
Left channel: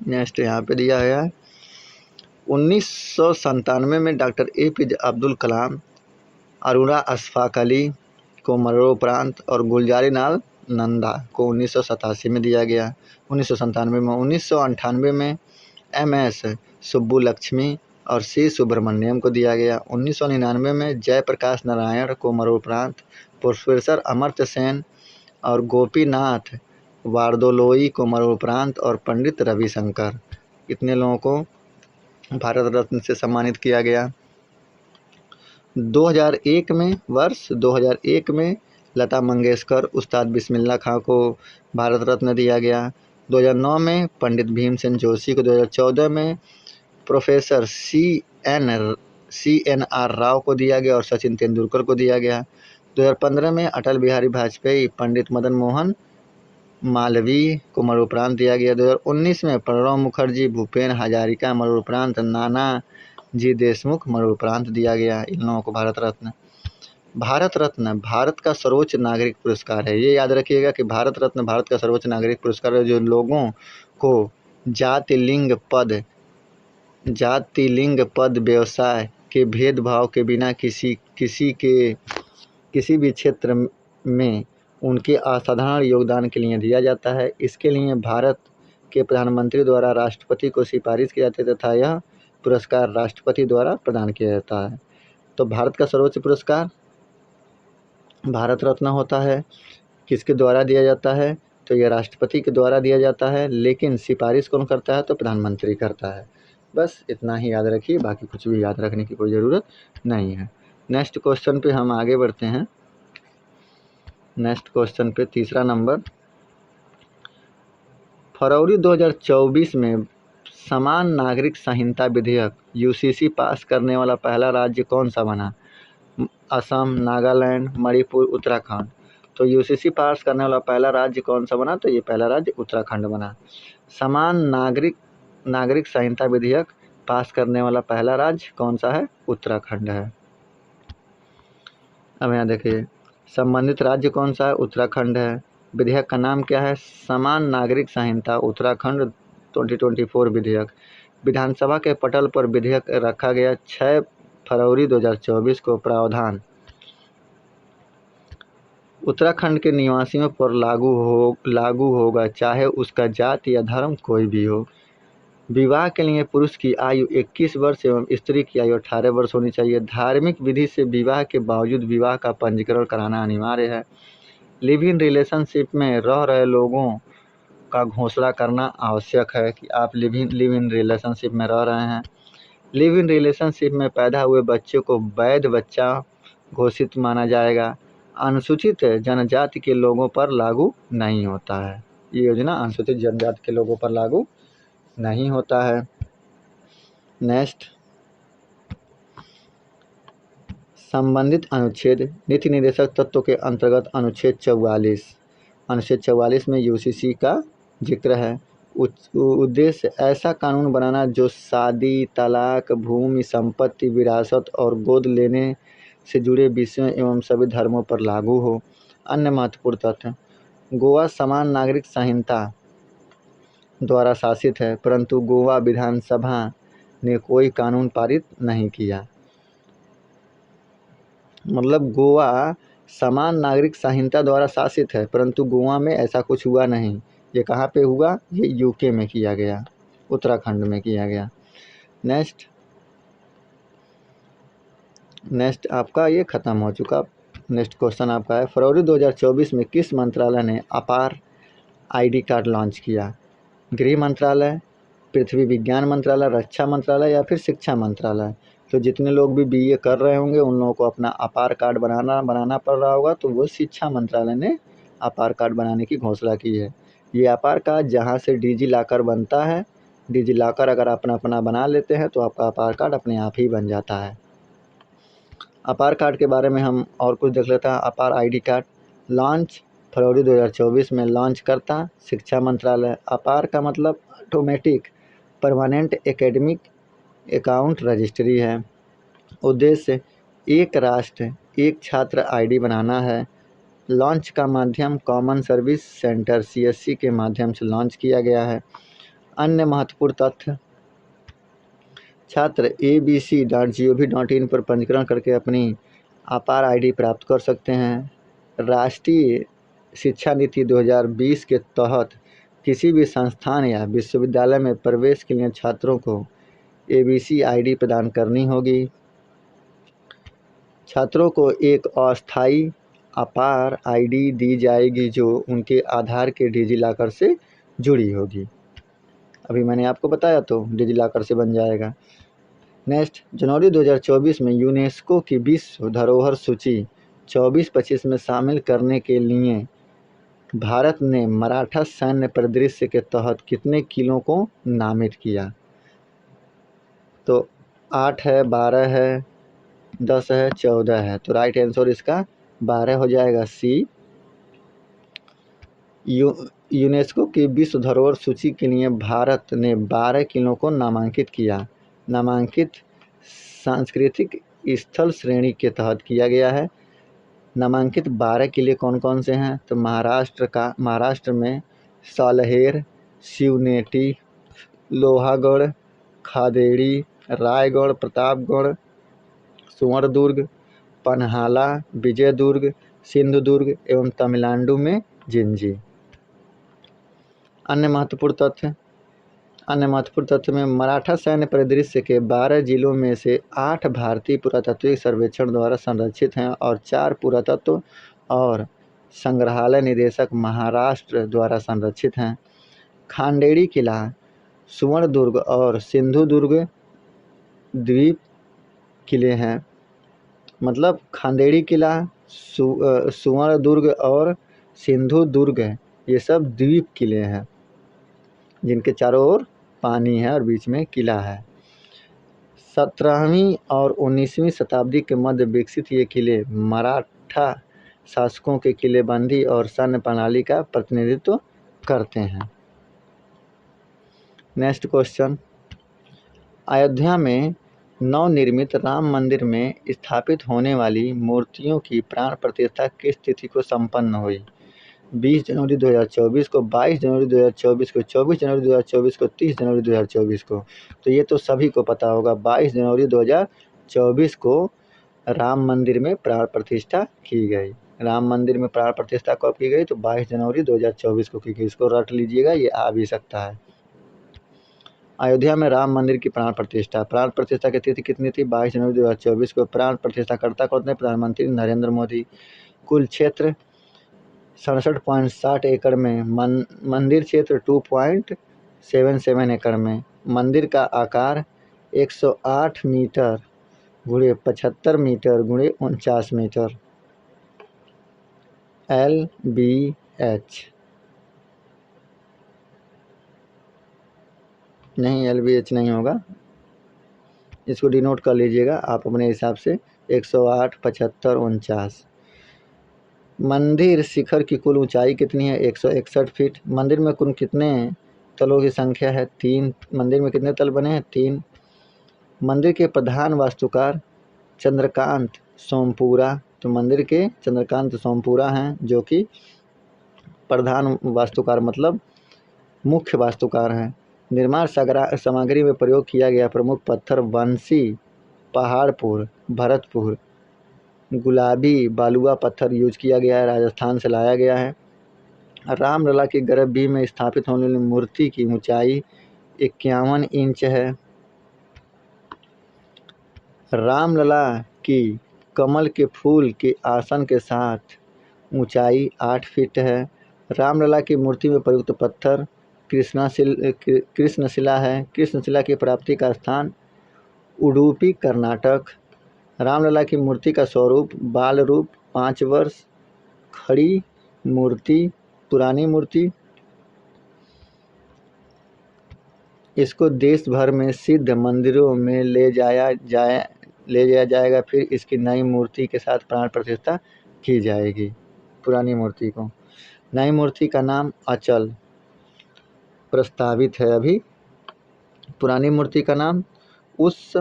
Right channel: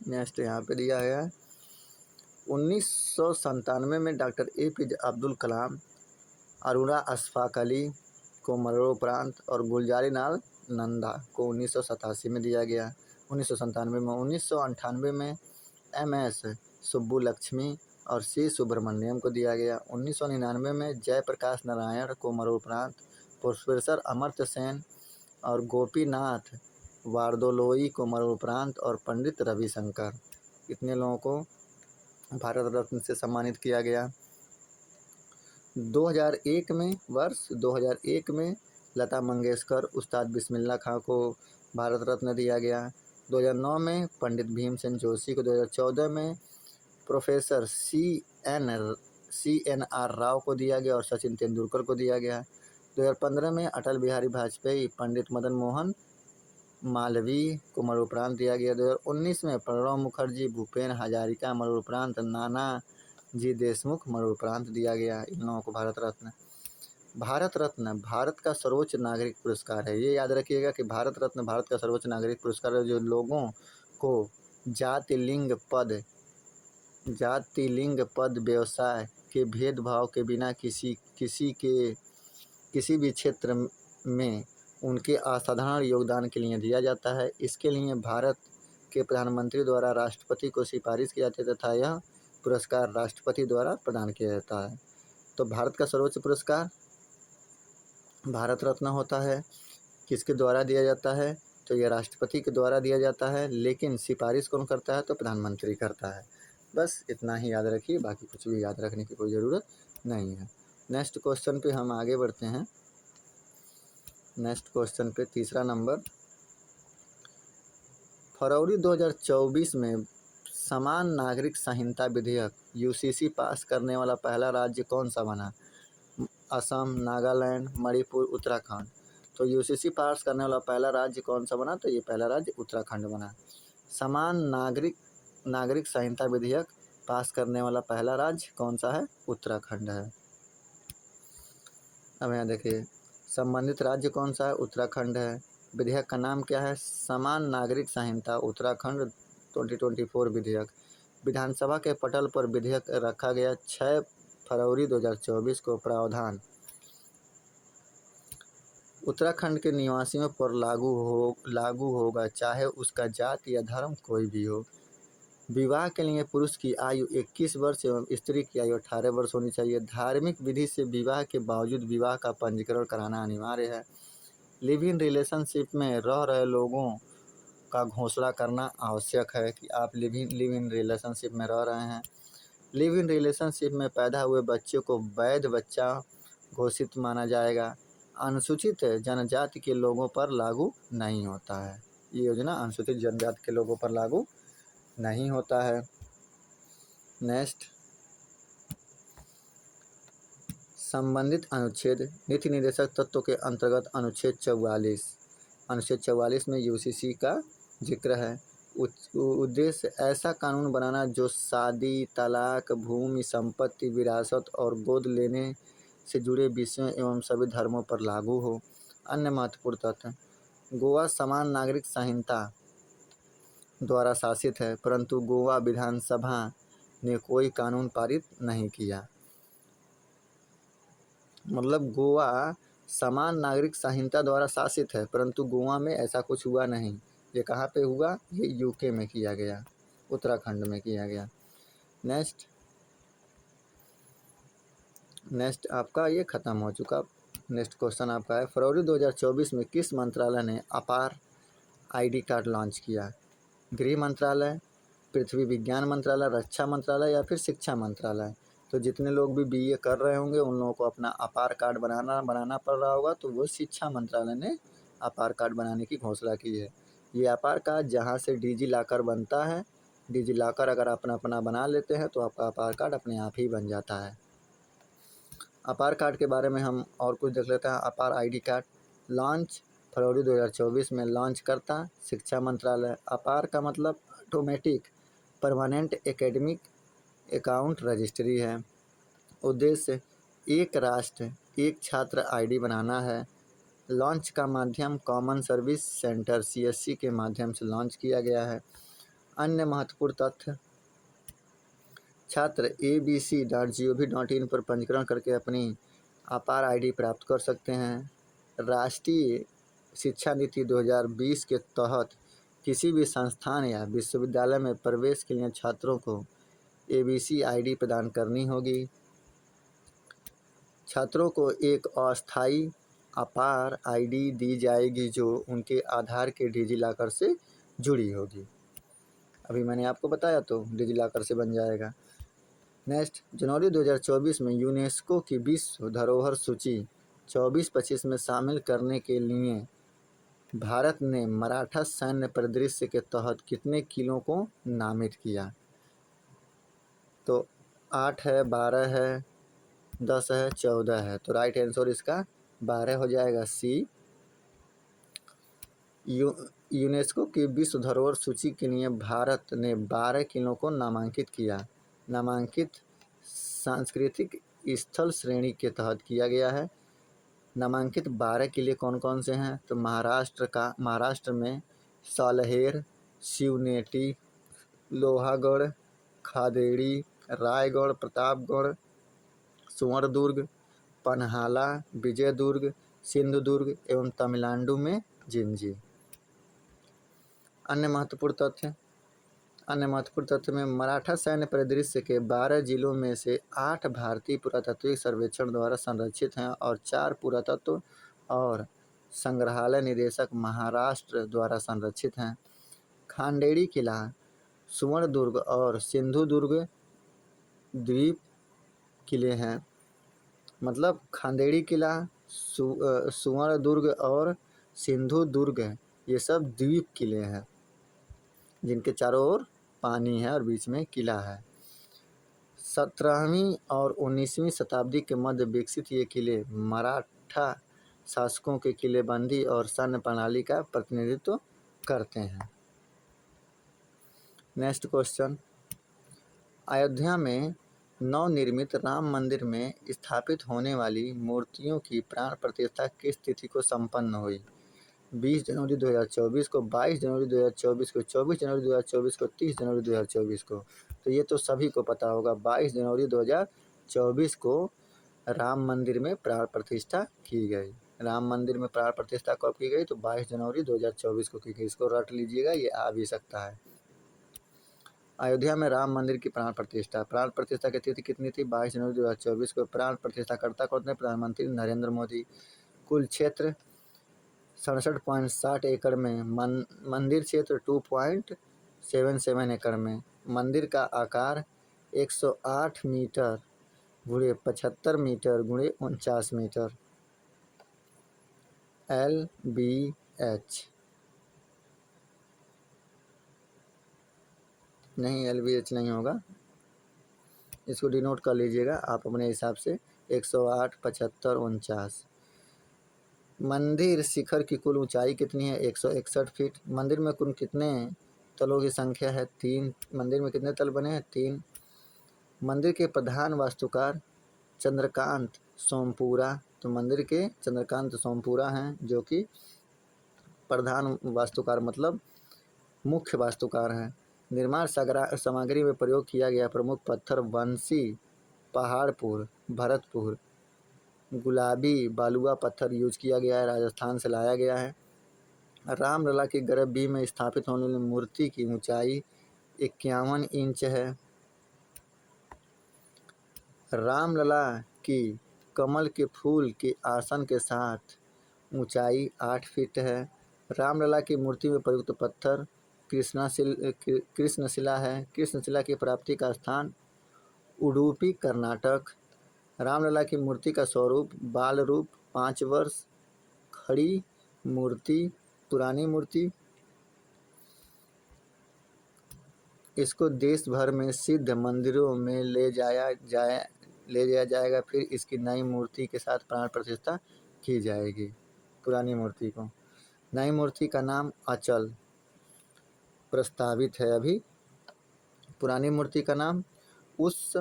नेक्स्ट यहाँ पे दिया है 1997 में डॉक्टर APJ अब्दुल कलाम, अरुणा अशफाक अली को मरणोपरांत और गुलजारी लाल नंदा को 1987 में दिया गया। 1997 में 1998 में MS सुब्बुलक्ष्मी और C सुब्रमण्यम को दिया गया। 1999 में जयप्रकाश नारायण को मरणोपरांत, प्रोफेसर अमर्त्य सेन और गोपीनाथ वारदोलोई को मरणोपरांत और पंडित रविशंकर, इतने लोगों को भारत रत्न से सम्मानित किया गया। 2001 में वर्ष 2001 में लता मंगेशकर, उस्ताद बिस्मिल्लाह खां को भारत रत्न दिया गया। 2009 में पंडित भीमसेन जोशी को, 2014 में प्रोफेसर CNR राव को दिया गया और सचिन तेंदुलकर को दिया गया। 2015 में अटल बिहारी वाजपेयी, पंडित मदन मोहन मालवीय को मरणोपरांत दिया गया। 2019 में प्रणब मुखर्जी, भूपेन हजारिका मरणोपरांत, नानाजी देशमुख मरणोपरांत दिया गया इन लोगों को भारत रत्न। भारत रत्न भारत का सर्वोच्च नागरिक पुरस्कार है। ये याद रखिएगा कि भारत रत्न भारत का सर्वोच्च नागरिक पुरस्कार है, जो लोगों को जाति लिंग पद व्यवसाय के भेदभाव के बिना किसी भी क्षेत्र में उनके असाधारण योगदान के लिए दिया जाता है। इसके लिए भारत के प्रधानमंत्री द्वारा राष्ट्रपति को सिफारिश की जाती है तथा यह पुरस्कार राष्ट्रपति द्वारा प्रदान किया जाता है। तो भारत का सर्वोच्च पुरस्कार भारत रत्न होता है। किसके द्वारा दिया जाता है, तो यह राष्ट्रपति के द्वारा दिया जाता है, लेकिन सिफारिश कौन करता है, तो प्रधानमंत्री करता है। बस इतना ही याद रखिए, बाकी कुछ भी याद रखने की कोई ज़रूरत नहीं है। नेक्स्ट क्वेश्चन पे हम आगे बढ़ते हैं। नेक्स्ट क्वेश्चन पे तीसरा नंबर, फरवरी 2024 में समान नागरिक संहिता विधेयक UCC पास करने वाला पहला राज्य कौन सा बना? असम, नागालैंड, मणिपुर, उत्तराखंड। तो UCC पास करने वाला पहला राज्य कौन सा बना? तो ये पहला राज्य उत्तराखंड बना। समान नागरिक संहिता विधेयक पास करने वाला पहला राज्य कौन सा है? उत्तराखंड है। अब यहाँ देखिए, संबंधित राज्य कौन सा है? उत्तराखंड है। विधेयक का नाम क्या है? समान नागरिक संहिता उत्तराखंड 2024 विधेयक। विधानसभा के पटल पर विधेयक रखा गया 6 फरवरी 2024 को। प्रावधान उत्तराखंड के निवासियों पर लागू होगा, चाहे उसका जाति या धर्म कोई भी हो। विवाह के लिए पुरुष की आयु 21 वर्ष एवं स्त्री की आयु 18 वर्ष होनी चाहिए। धार्मिक विधि से विवाह के बावजूद विवाह का पंजीकरण कराना अनिवार्य है। लिव इन रिलेशनशिप में रह रहे लोगों का घोषणा करना आवश्यक है कि आप लिव इन रिलेशनशिप में रह रहे हैं। लिव इन रिलेशनशिप में पैदा हुए बच्चे को वैध बच्चा घोषित माना जाएगा। अनुसूचित जनजाति के लोगों पर लागू नहीं होता है। ये योजना अनुसूचित जनजाति के लोगों पर लागू नहीं होता है। नेक्स्ट, संबंधित अनुच्छेद नीति निर्देशक तत्व के अंतर्गत अनुच्छेद 44 में यूसीसी का जिक्र है। उद्देश्य ऐसा कानून बनाना जो शादी, तलाक, भूमि, संपत्ति, विरासत और गोद लेने से जुड़े विषयों एवं सभी धर्मों पर लागू हो। अन्य महत्वपूर्ण तथ्य, गोवा समान नागरिक संहिता द्वारा शासित है, परंतु गोवा विधानसभा ने कोई कानून पारित नहीं किया। मतलब गोवा समान नागरिक संहिता द्वारा शासित है, परंतु गोवा में ऐसा कुछ हुआ नहीं। ये कहाँ पे हुआ? ये यूके में किया गया, उत्तराखंड में किया गया। नेक्स्ट आपका ये ख़त्म हो चुका। नेक्स्ट क्वेश्चन आपका है, फरवरी 2024 में किस मंत्रालय ने अपार आईडी कार्ड लॉन्च किया? गृह मंत्रालय, पृथ्वी विज्ञान मंत्रालय, रक्षा मंत्रालय या फिर शिक्षा मंत्रालय? तो जितने लोग भी बीए कर रहे होंगे उन लोगों को अपना अपार कार्ड बनाना पड़ रहा होगा, तो वो शिक्षा मंत्रालय ने अपार कार्ड बनाने की घोषणा की है। ये अपार कार्ड जहाँ से डिजी लॉकर बनता है, डिजी लॉकर अगर अपना बना लेते हैं तो आपका अपार कार्ड अपने आप ही बन जाता है। अपार कार्ड के बारे में हम और कुछ देख लेते हैं। अपार आईडी कार्ड लॉन्च फरवरी 2024 में लॉन्च करता शिक्षा मंत्रालय। अपार का मतलब automatic permanent academic account registry है। उद्देश्य एक राष्ट्र एक छात्र आईडी बनाना है। लॉन्च का माध्यम कॉमन सर्विस सेंटर सीएससी के माध्यम से लॉन्च किया गया है। अन्य महत्वपूर्ण तथ्य, छात्र abc.gov.in पर पंजीकरण करके अपनी अपार आईडी प्राप्त कर सकते हैं। राष्ट्रीय शिक्षा नीति 2020 के तहत किसी भी संस्थान या विश्वविद्यालय में प्रवेश के लिए छात्रों को ABC आईडी प्रदान करनी होगी। छात्रों को एक अस्थायी अपार आईडी दी जाएगी जो उनके आधार के डिजी लॉकर से जुड़ी होगी। अभी मैंने आपको बताया तो डिजी लॉकर से बन जाएगा। नेक्स्ट, जनवरी 2024 में यूनेस्को की विश्व धरोहर सूची 24-25 में शामिल करने के लिए भारत ने मराठा सैन्य परिदृश्य के तहत कितने किलों को नामित किया? तो 8 है, 12 है, 10 है, 14 है। तो राइट आंसर इसका 12 हो जाएगा, सी। यूनेस्को की विश्व धरोहर सूची के लिए भारत ने 12 किलो को नामांकित किया। नामांकित सांस्कृतिक स्थल श्रेणी के तहत किया गया है। नामांकित 12 किले कौन कौन से हैं? तो महाराष्ट्र में सालहेर, शिवनेटी, लोहागढ़, खादेड़ी, रायगढ़, प्रतापगढ़, सुवर्णदुर्ग, पन्हाला, विजयदुर्ग, सिंधुदुर्ग एवं तमिलनाडु में जिंजी। अन्य महत्वपूर्ण तथ्य में मराठा सैन्य परिदृश्य के 12 जिलों में से 8 भारतीय पुरातात्विक सर्वेक्षण द्वारा संरक्षित हैं और 4 पुरातत्व और संग्रहालय निदेशक महाराष्ट्र द्वारा संरक्षित हैं। खांडेड़ी किला, सुवर्णदुर्ग और सिंधुदुर्ग द्वीप किले हैं। मतलब खांडेड़ी किला, सुवर्णदुर्ग और सिंधुदुर्ग ये सब द्वीप किले हैं जिनके चारों ओर पानी है और बीच में किला है। 17वीं और 19वीं शताब्दी के मध्य विकसित ये किले मराठा शासकों के किलेबंदी और सैन्य प्रणाली का प्रतिनिधित्व करते हैं। नेक्स्ट क्वेश्चन, अयोध्या में नवनिर्मित राम मंदिर में स्थापित होने वाली मूर्तियों की प्राण प्रतिष्ठा किस तिथि को संपन्न हुई? 20 जनवरी 2024 को, 22 जनवरी 2024 को, 24 जनवरी 2024 को, 30 जनवरी 2024 को। तो ये तो सभी को पता होगा, 22 जनवरी 2024 को राम मंदिर में प्राण प्रतिष्ठा की गई। राम मंदिर में प्राण प्रतिष्ठा कब की गई? तो 22 जनवरी 2024 को की गई। इसको रट लीजिएगा, ये आ भी सकता है। अयोध्या में राम मंदिर की प्राण प्रतिष्ठा की तिथि कितनी थी? 22 जनवरी 2024 को। प्राण प्रतिष्ठा करता कौन थे? प्रधानमंत्री नरेंद्र मोदी। कुल क्षेत्र 67.60 एकड़ में, मंदिर क्षेत्र 2.77 एकड़ में। मंदिर का आकार 108 मीटर गुणे 75 मीटर गुणे 49 मीटर। LBH नहीं, LBH नहीं होगा, इसको डिनोट कर लीजिएगा आप अपने हिसाब से। 108, 75, 49। मंदिर शिखर की कुल ऊंचाई कितनी है? 161 फीट। मंदिर में कुल कितने तलों की संख्या है? 3। मंदिर में कितने तल बने हैं? 3। मंदिर के प्रधान वास्तुकार चंद्रकांत सोमपुरा। तो मंदिर के चंद्रकांत सोमपुरा हैं, जो कि प्रधान वास्तुकार मतलब मुख्य वास्तुकार हैं। निर्माण सामग्री में प्रयोग किया गया प्रमुख पत्थर बंसी, पहाड़पुर, भरतपुर, गुलाबी बालुआ पत्थर यूज किया गया है, राजस्थान से लाया गया है। रामलला की गर्भगृह में स्थापित होने वाली मूर्ति की ऊंचाई 51 इंच है। रामलला की कमल के फूल के आसन के साथ ऊंचाई 8 फीट है। रामलला की मूर्ति में प्रयुक्त पत्थर कृष्णशिला है। कृष्णशिला की प्राप्ति का स्थान उडुपी, कर्नाटक। रामलला की मूर्ति का स्वरूप बाल रूप, 5 वर्ष, खड़ी मूर्ति, पुरानी मूर्ति। इसको देश भर में सिद्ध मंदिरों में ले जाया जाएगा, फिर इसकी नई मूर्ति के साथ प्राण प्रतिष्ठा की जाएगी। पुरानी मूर्ति को, नई मूर्ति का नाम अचल प्रस्तावित है अभी। पुरानी मूर्ति का नाम उस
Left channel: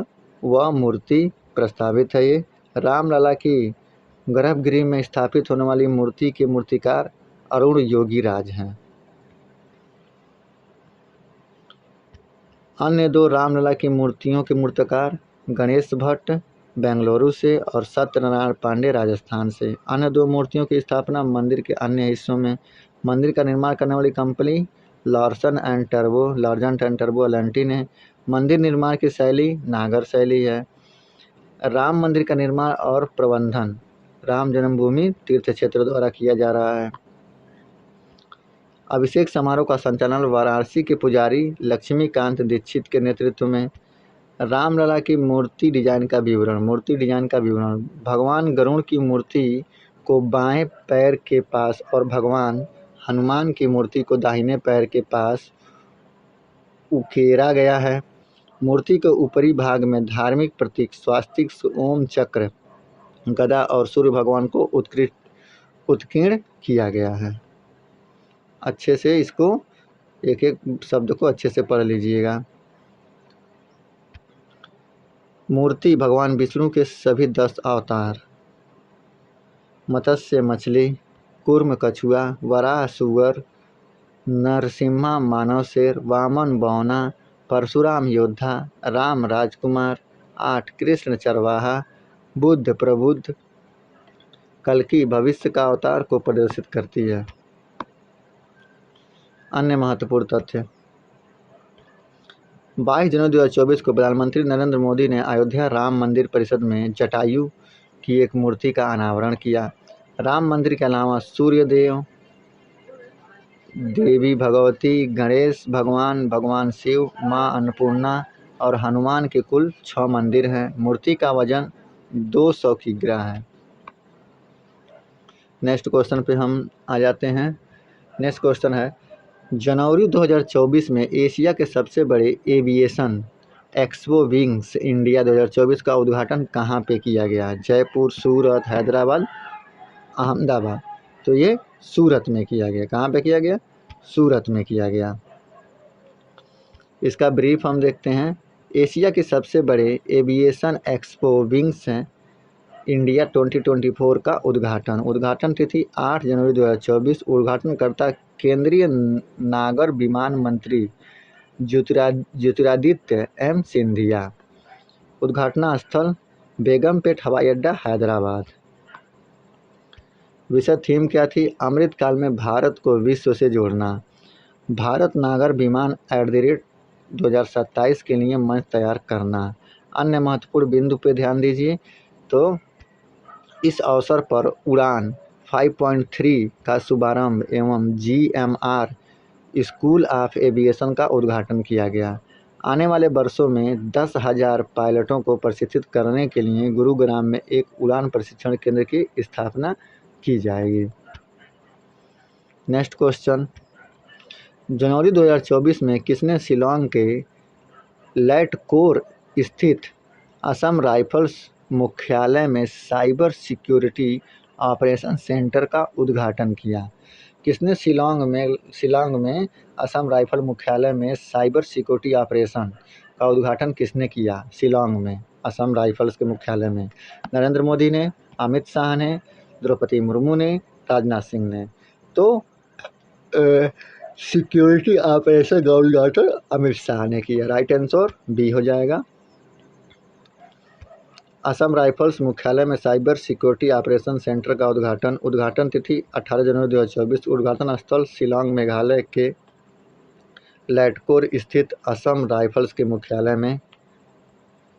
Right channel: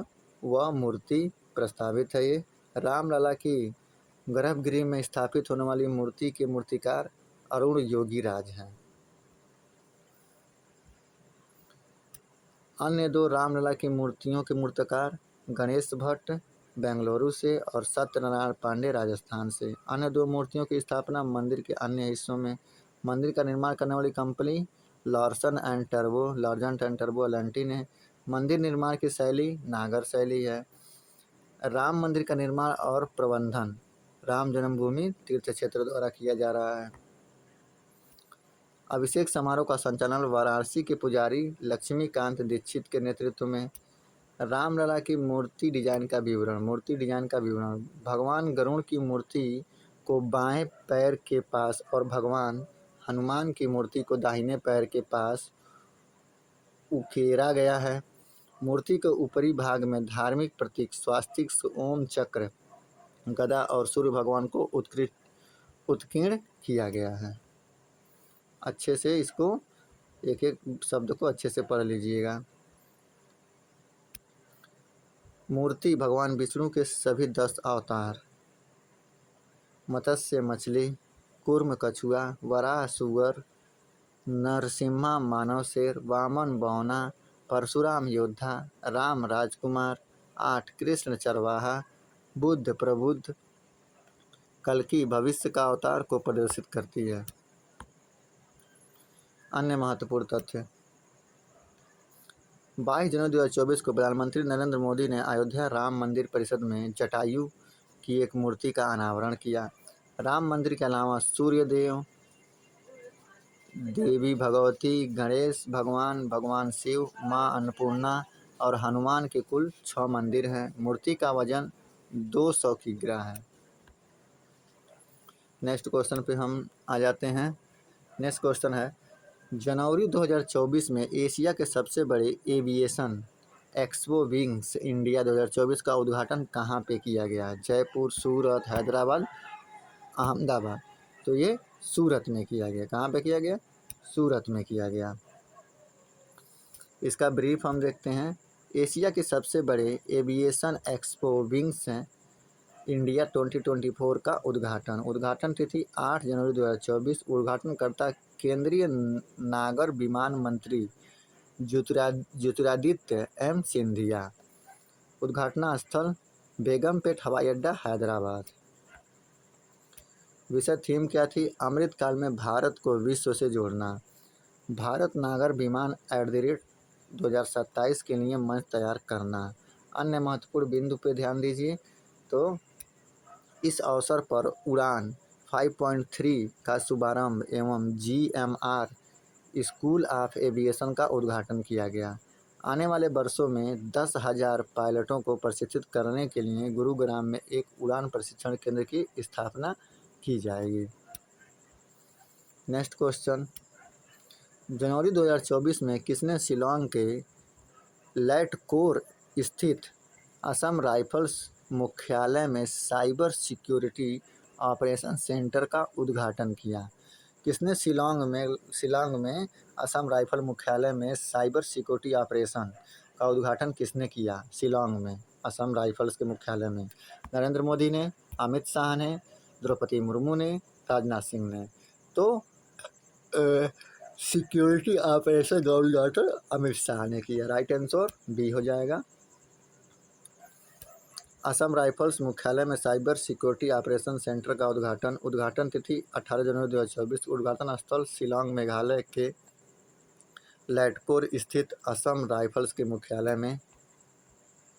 व मूर्ति प्रस्तावित है। ये रामलला की गर्भगृह में स्थापित होने वाली मूर्ति के मूर्तिकार अरुण योगीराज हैं। अन्य 2 रामलला की मूर्तियों के मूर्तिकार गणेश भट्ट बेंगलुरु से और सत्यनारायण पांडे राजस्थान से। अन्य 2 मूर्तियों की स्थापना मंदिर के अन्य हिस्सों में। मंदिर का निर्माण करने वाली कंपनी लार्सन एंड टर्बो एलएनटी ने। मंदिर निर्माण की शैली नागर शैली है। राम मंदिर का निर्माण और प्रबंधन राम जन्मभूमि तीर्थ क्षेत्र द्वारा किया जा रहा है। अभिषेक समारोह का संचालन वाराणसी के पुजारी लक्ष्मीकांत दीक्षित के नेतृत्व में। रामलला की मूर्ति डिजाइन का विवरण। भगवान गरुड़ की मूर्ति को बाएं पैर के पास और भगवान हनुमान की मूर्ति को दाहिने पैर के पास उकेरा गया है। मूर्ति के ऊपरी भाग में धार्मिक प्रतीक स्वास्तिक, ओम, चक्र, गदा और सूर्य भगवान को उत्कीर्ण किया गया है। अच्छे से इसको एक एक शब्द को अच्छे से पढ़ लीजिएगा। मूर्ति भगवान विष्णु के सभी 10 अवतार, मत्स्य मछली, कूर्म कछुआ, वराह सुअर, नरसिम्हा मानव शेर, वामन बौना, परशुराम योद्धा, राम राजकुमार, 8 कृष्ण चरवाहा, बुद्ध प्रबुद्ध, कल्कि भविष्य का अवतार को प्रदर्शित करती है। अन्य महत्वपूर्ण तथ्य 22 जनवरी 2024 को प्रधानमंत्री नरेंद्र मोदी ने अयोध्या राम मंदिर परिसर में जटायु की एक मूर्ति का अनावरण किया। राम मंदिर के अलावा सूर्यदेव, देवी भगवती, गणेश भगवान, भगवान शिव, माँ अन्नपूर्णा और हनुमान के कुल 6 मंदिर हैं। मूर्ति का वजन 200 किग्रा है। नेक्स्ट क्वेश्चन पे हम आ जाते हैं। नेक्स्ट क्वेश्चन है, जनवरी 2024 में एशिया के सबसे बड़े एविएशन एक्सपो विंग्स इंडिया 2024 का उद्घाटन कहाँ पे किया गया? जयपुर, सूरत, हैदराबाद, अहमदाबाद। तो ये सूरत में किया गया। कहाँ पे किया गया? सूरत में किया गया। इसका ब्रीफ हम देखते हैं। एशिया के सबसे बड़े एविएशन एक्सपो विंग्स इंडिया 2024 का उद्घाटन तिथि 8 जनवरी 2024। उद्घाटनकर्ता केंद्रीय नागर विमान मंत्री ज्योतिरादित्य एम सिंधिया। उद्घाटना स्थल बेगमपेट हवाई अड्डा हैदराबाद। विषय थीम क्या थी? अमृतकाल में भारत को विश्व से जोड़ना। भारत नागर विमान @ 2027 के लिए मंच तैयार करना। अन्य महत्वपूर्ण बिंदु पे ध्यान दीजिए। तो इस अवसर पर उड़ान 5.3 का शुभारंभ एवं GMR स्कूल ऑफ एविएशन का उद्घाटन किया गया। आने वाले वर्षों में 10,000 पायलटों को प्रशिक्षित करने के लिए गुरुग्राम में एक उड़ान प्रशिक्षण केंद्र की स्थापना की जाएगी। नेक्स्ट क्वेश्चन, जनवरी 2024 में किसने शिलांग के लैटकोर स्थित असम राइफल्स मुख्यालय में साइबर सिक्योरिटी ऑपरेशन सेंटर का उद्घाटन किया? किसने शिलांग में असम राइफल मुख्यालय में साइबर सिक्योरिटी ऑपरेशन का उद्घाटन किसने किया? शिलांग में असम राइफल्स के मुख्यालय में। नरेंद्र मोदी ने, अमित शाह ने, द्रौपदी मुर्मू ने, राजनाथ सिंह ने। तो सिक्योरिटी ऑपरेशन का उद्घाटन अमित शाह ने किया। राइट आंसर बी हो जाएगा। असम राइफल्स मुख्यालय में साइबर सिक्योरिटी ऑपरेशन सेंटर का उद्घाटन तिथि 18 जनवरी 2024। उद्घाटन स्थल शिलांग मेघालय के लैटकोर स्थित असम राइफल्स के मुख्यालय में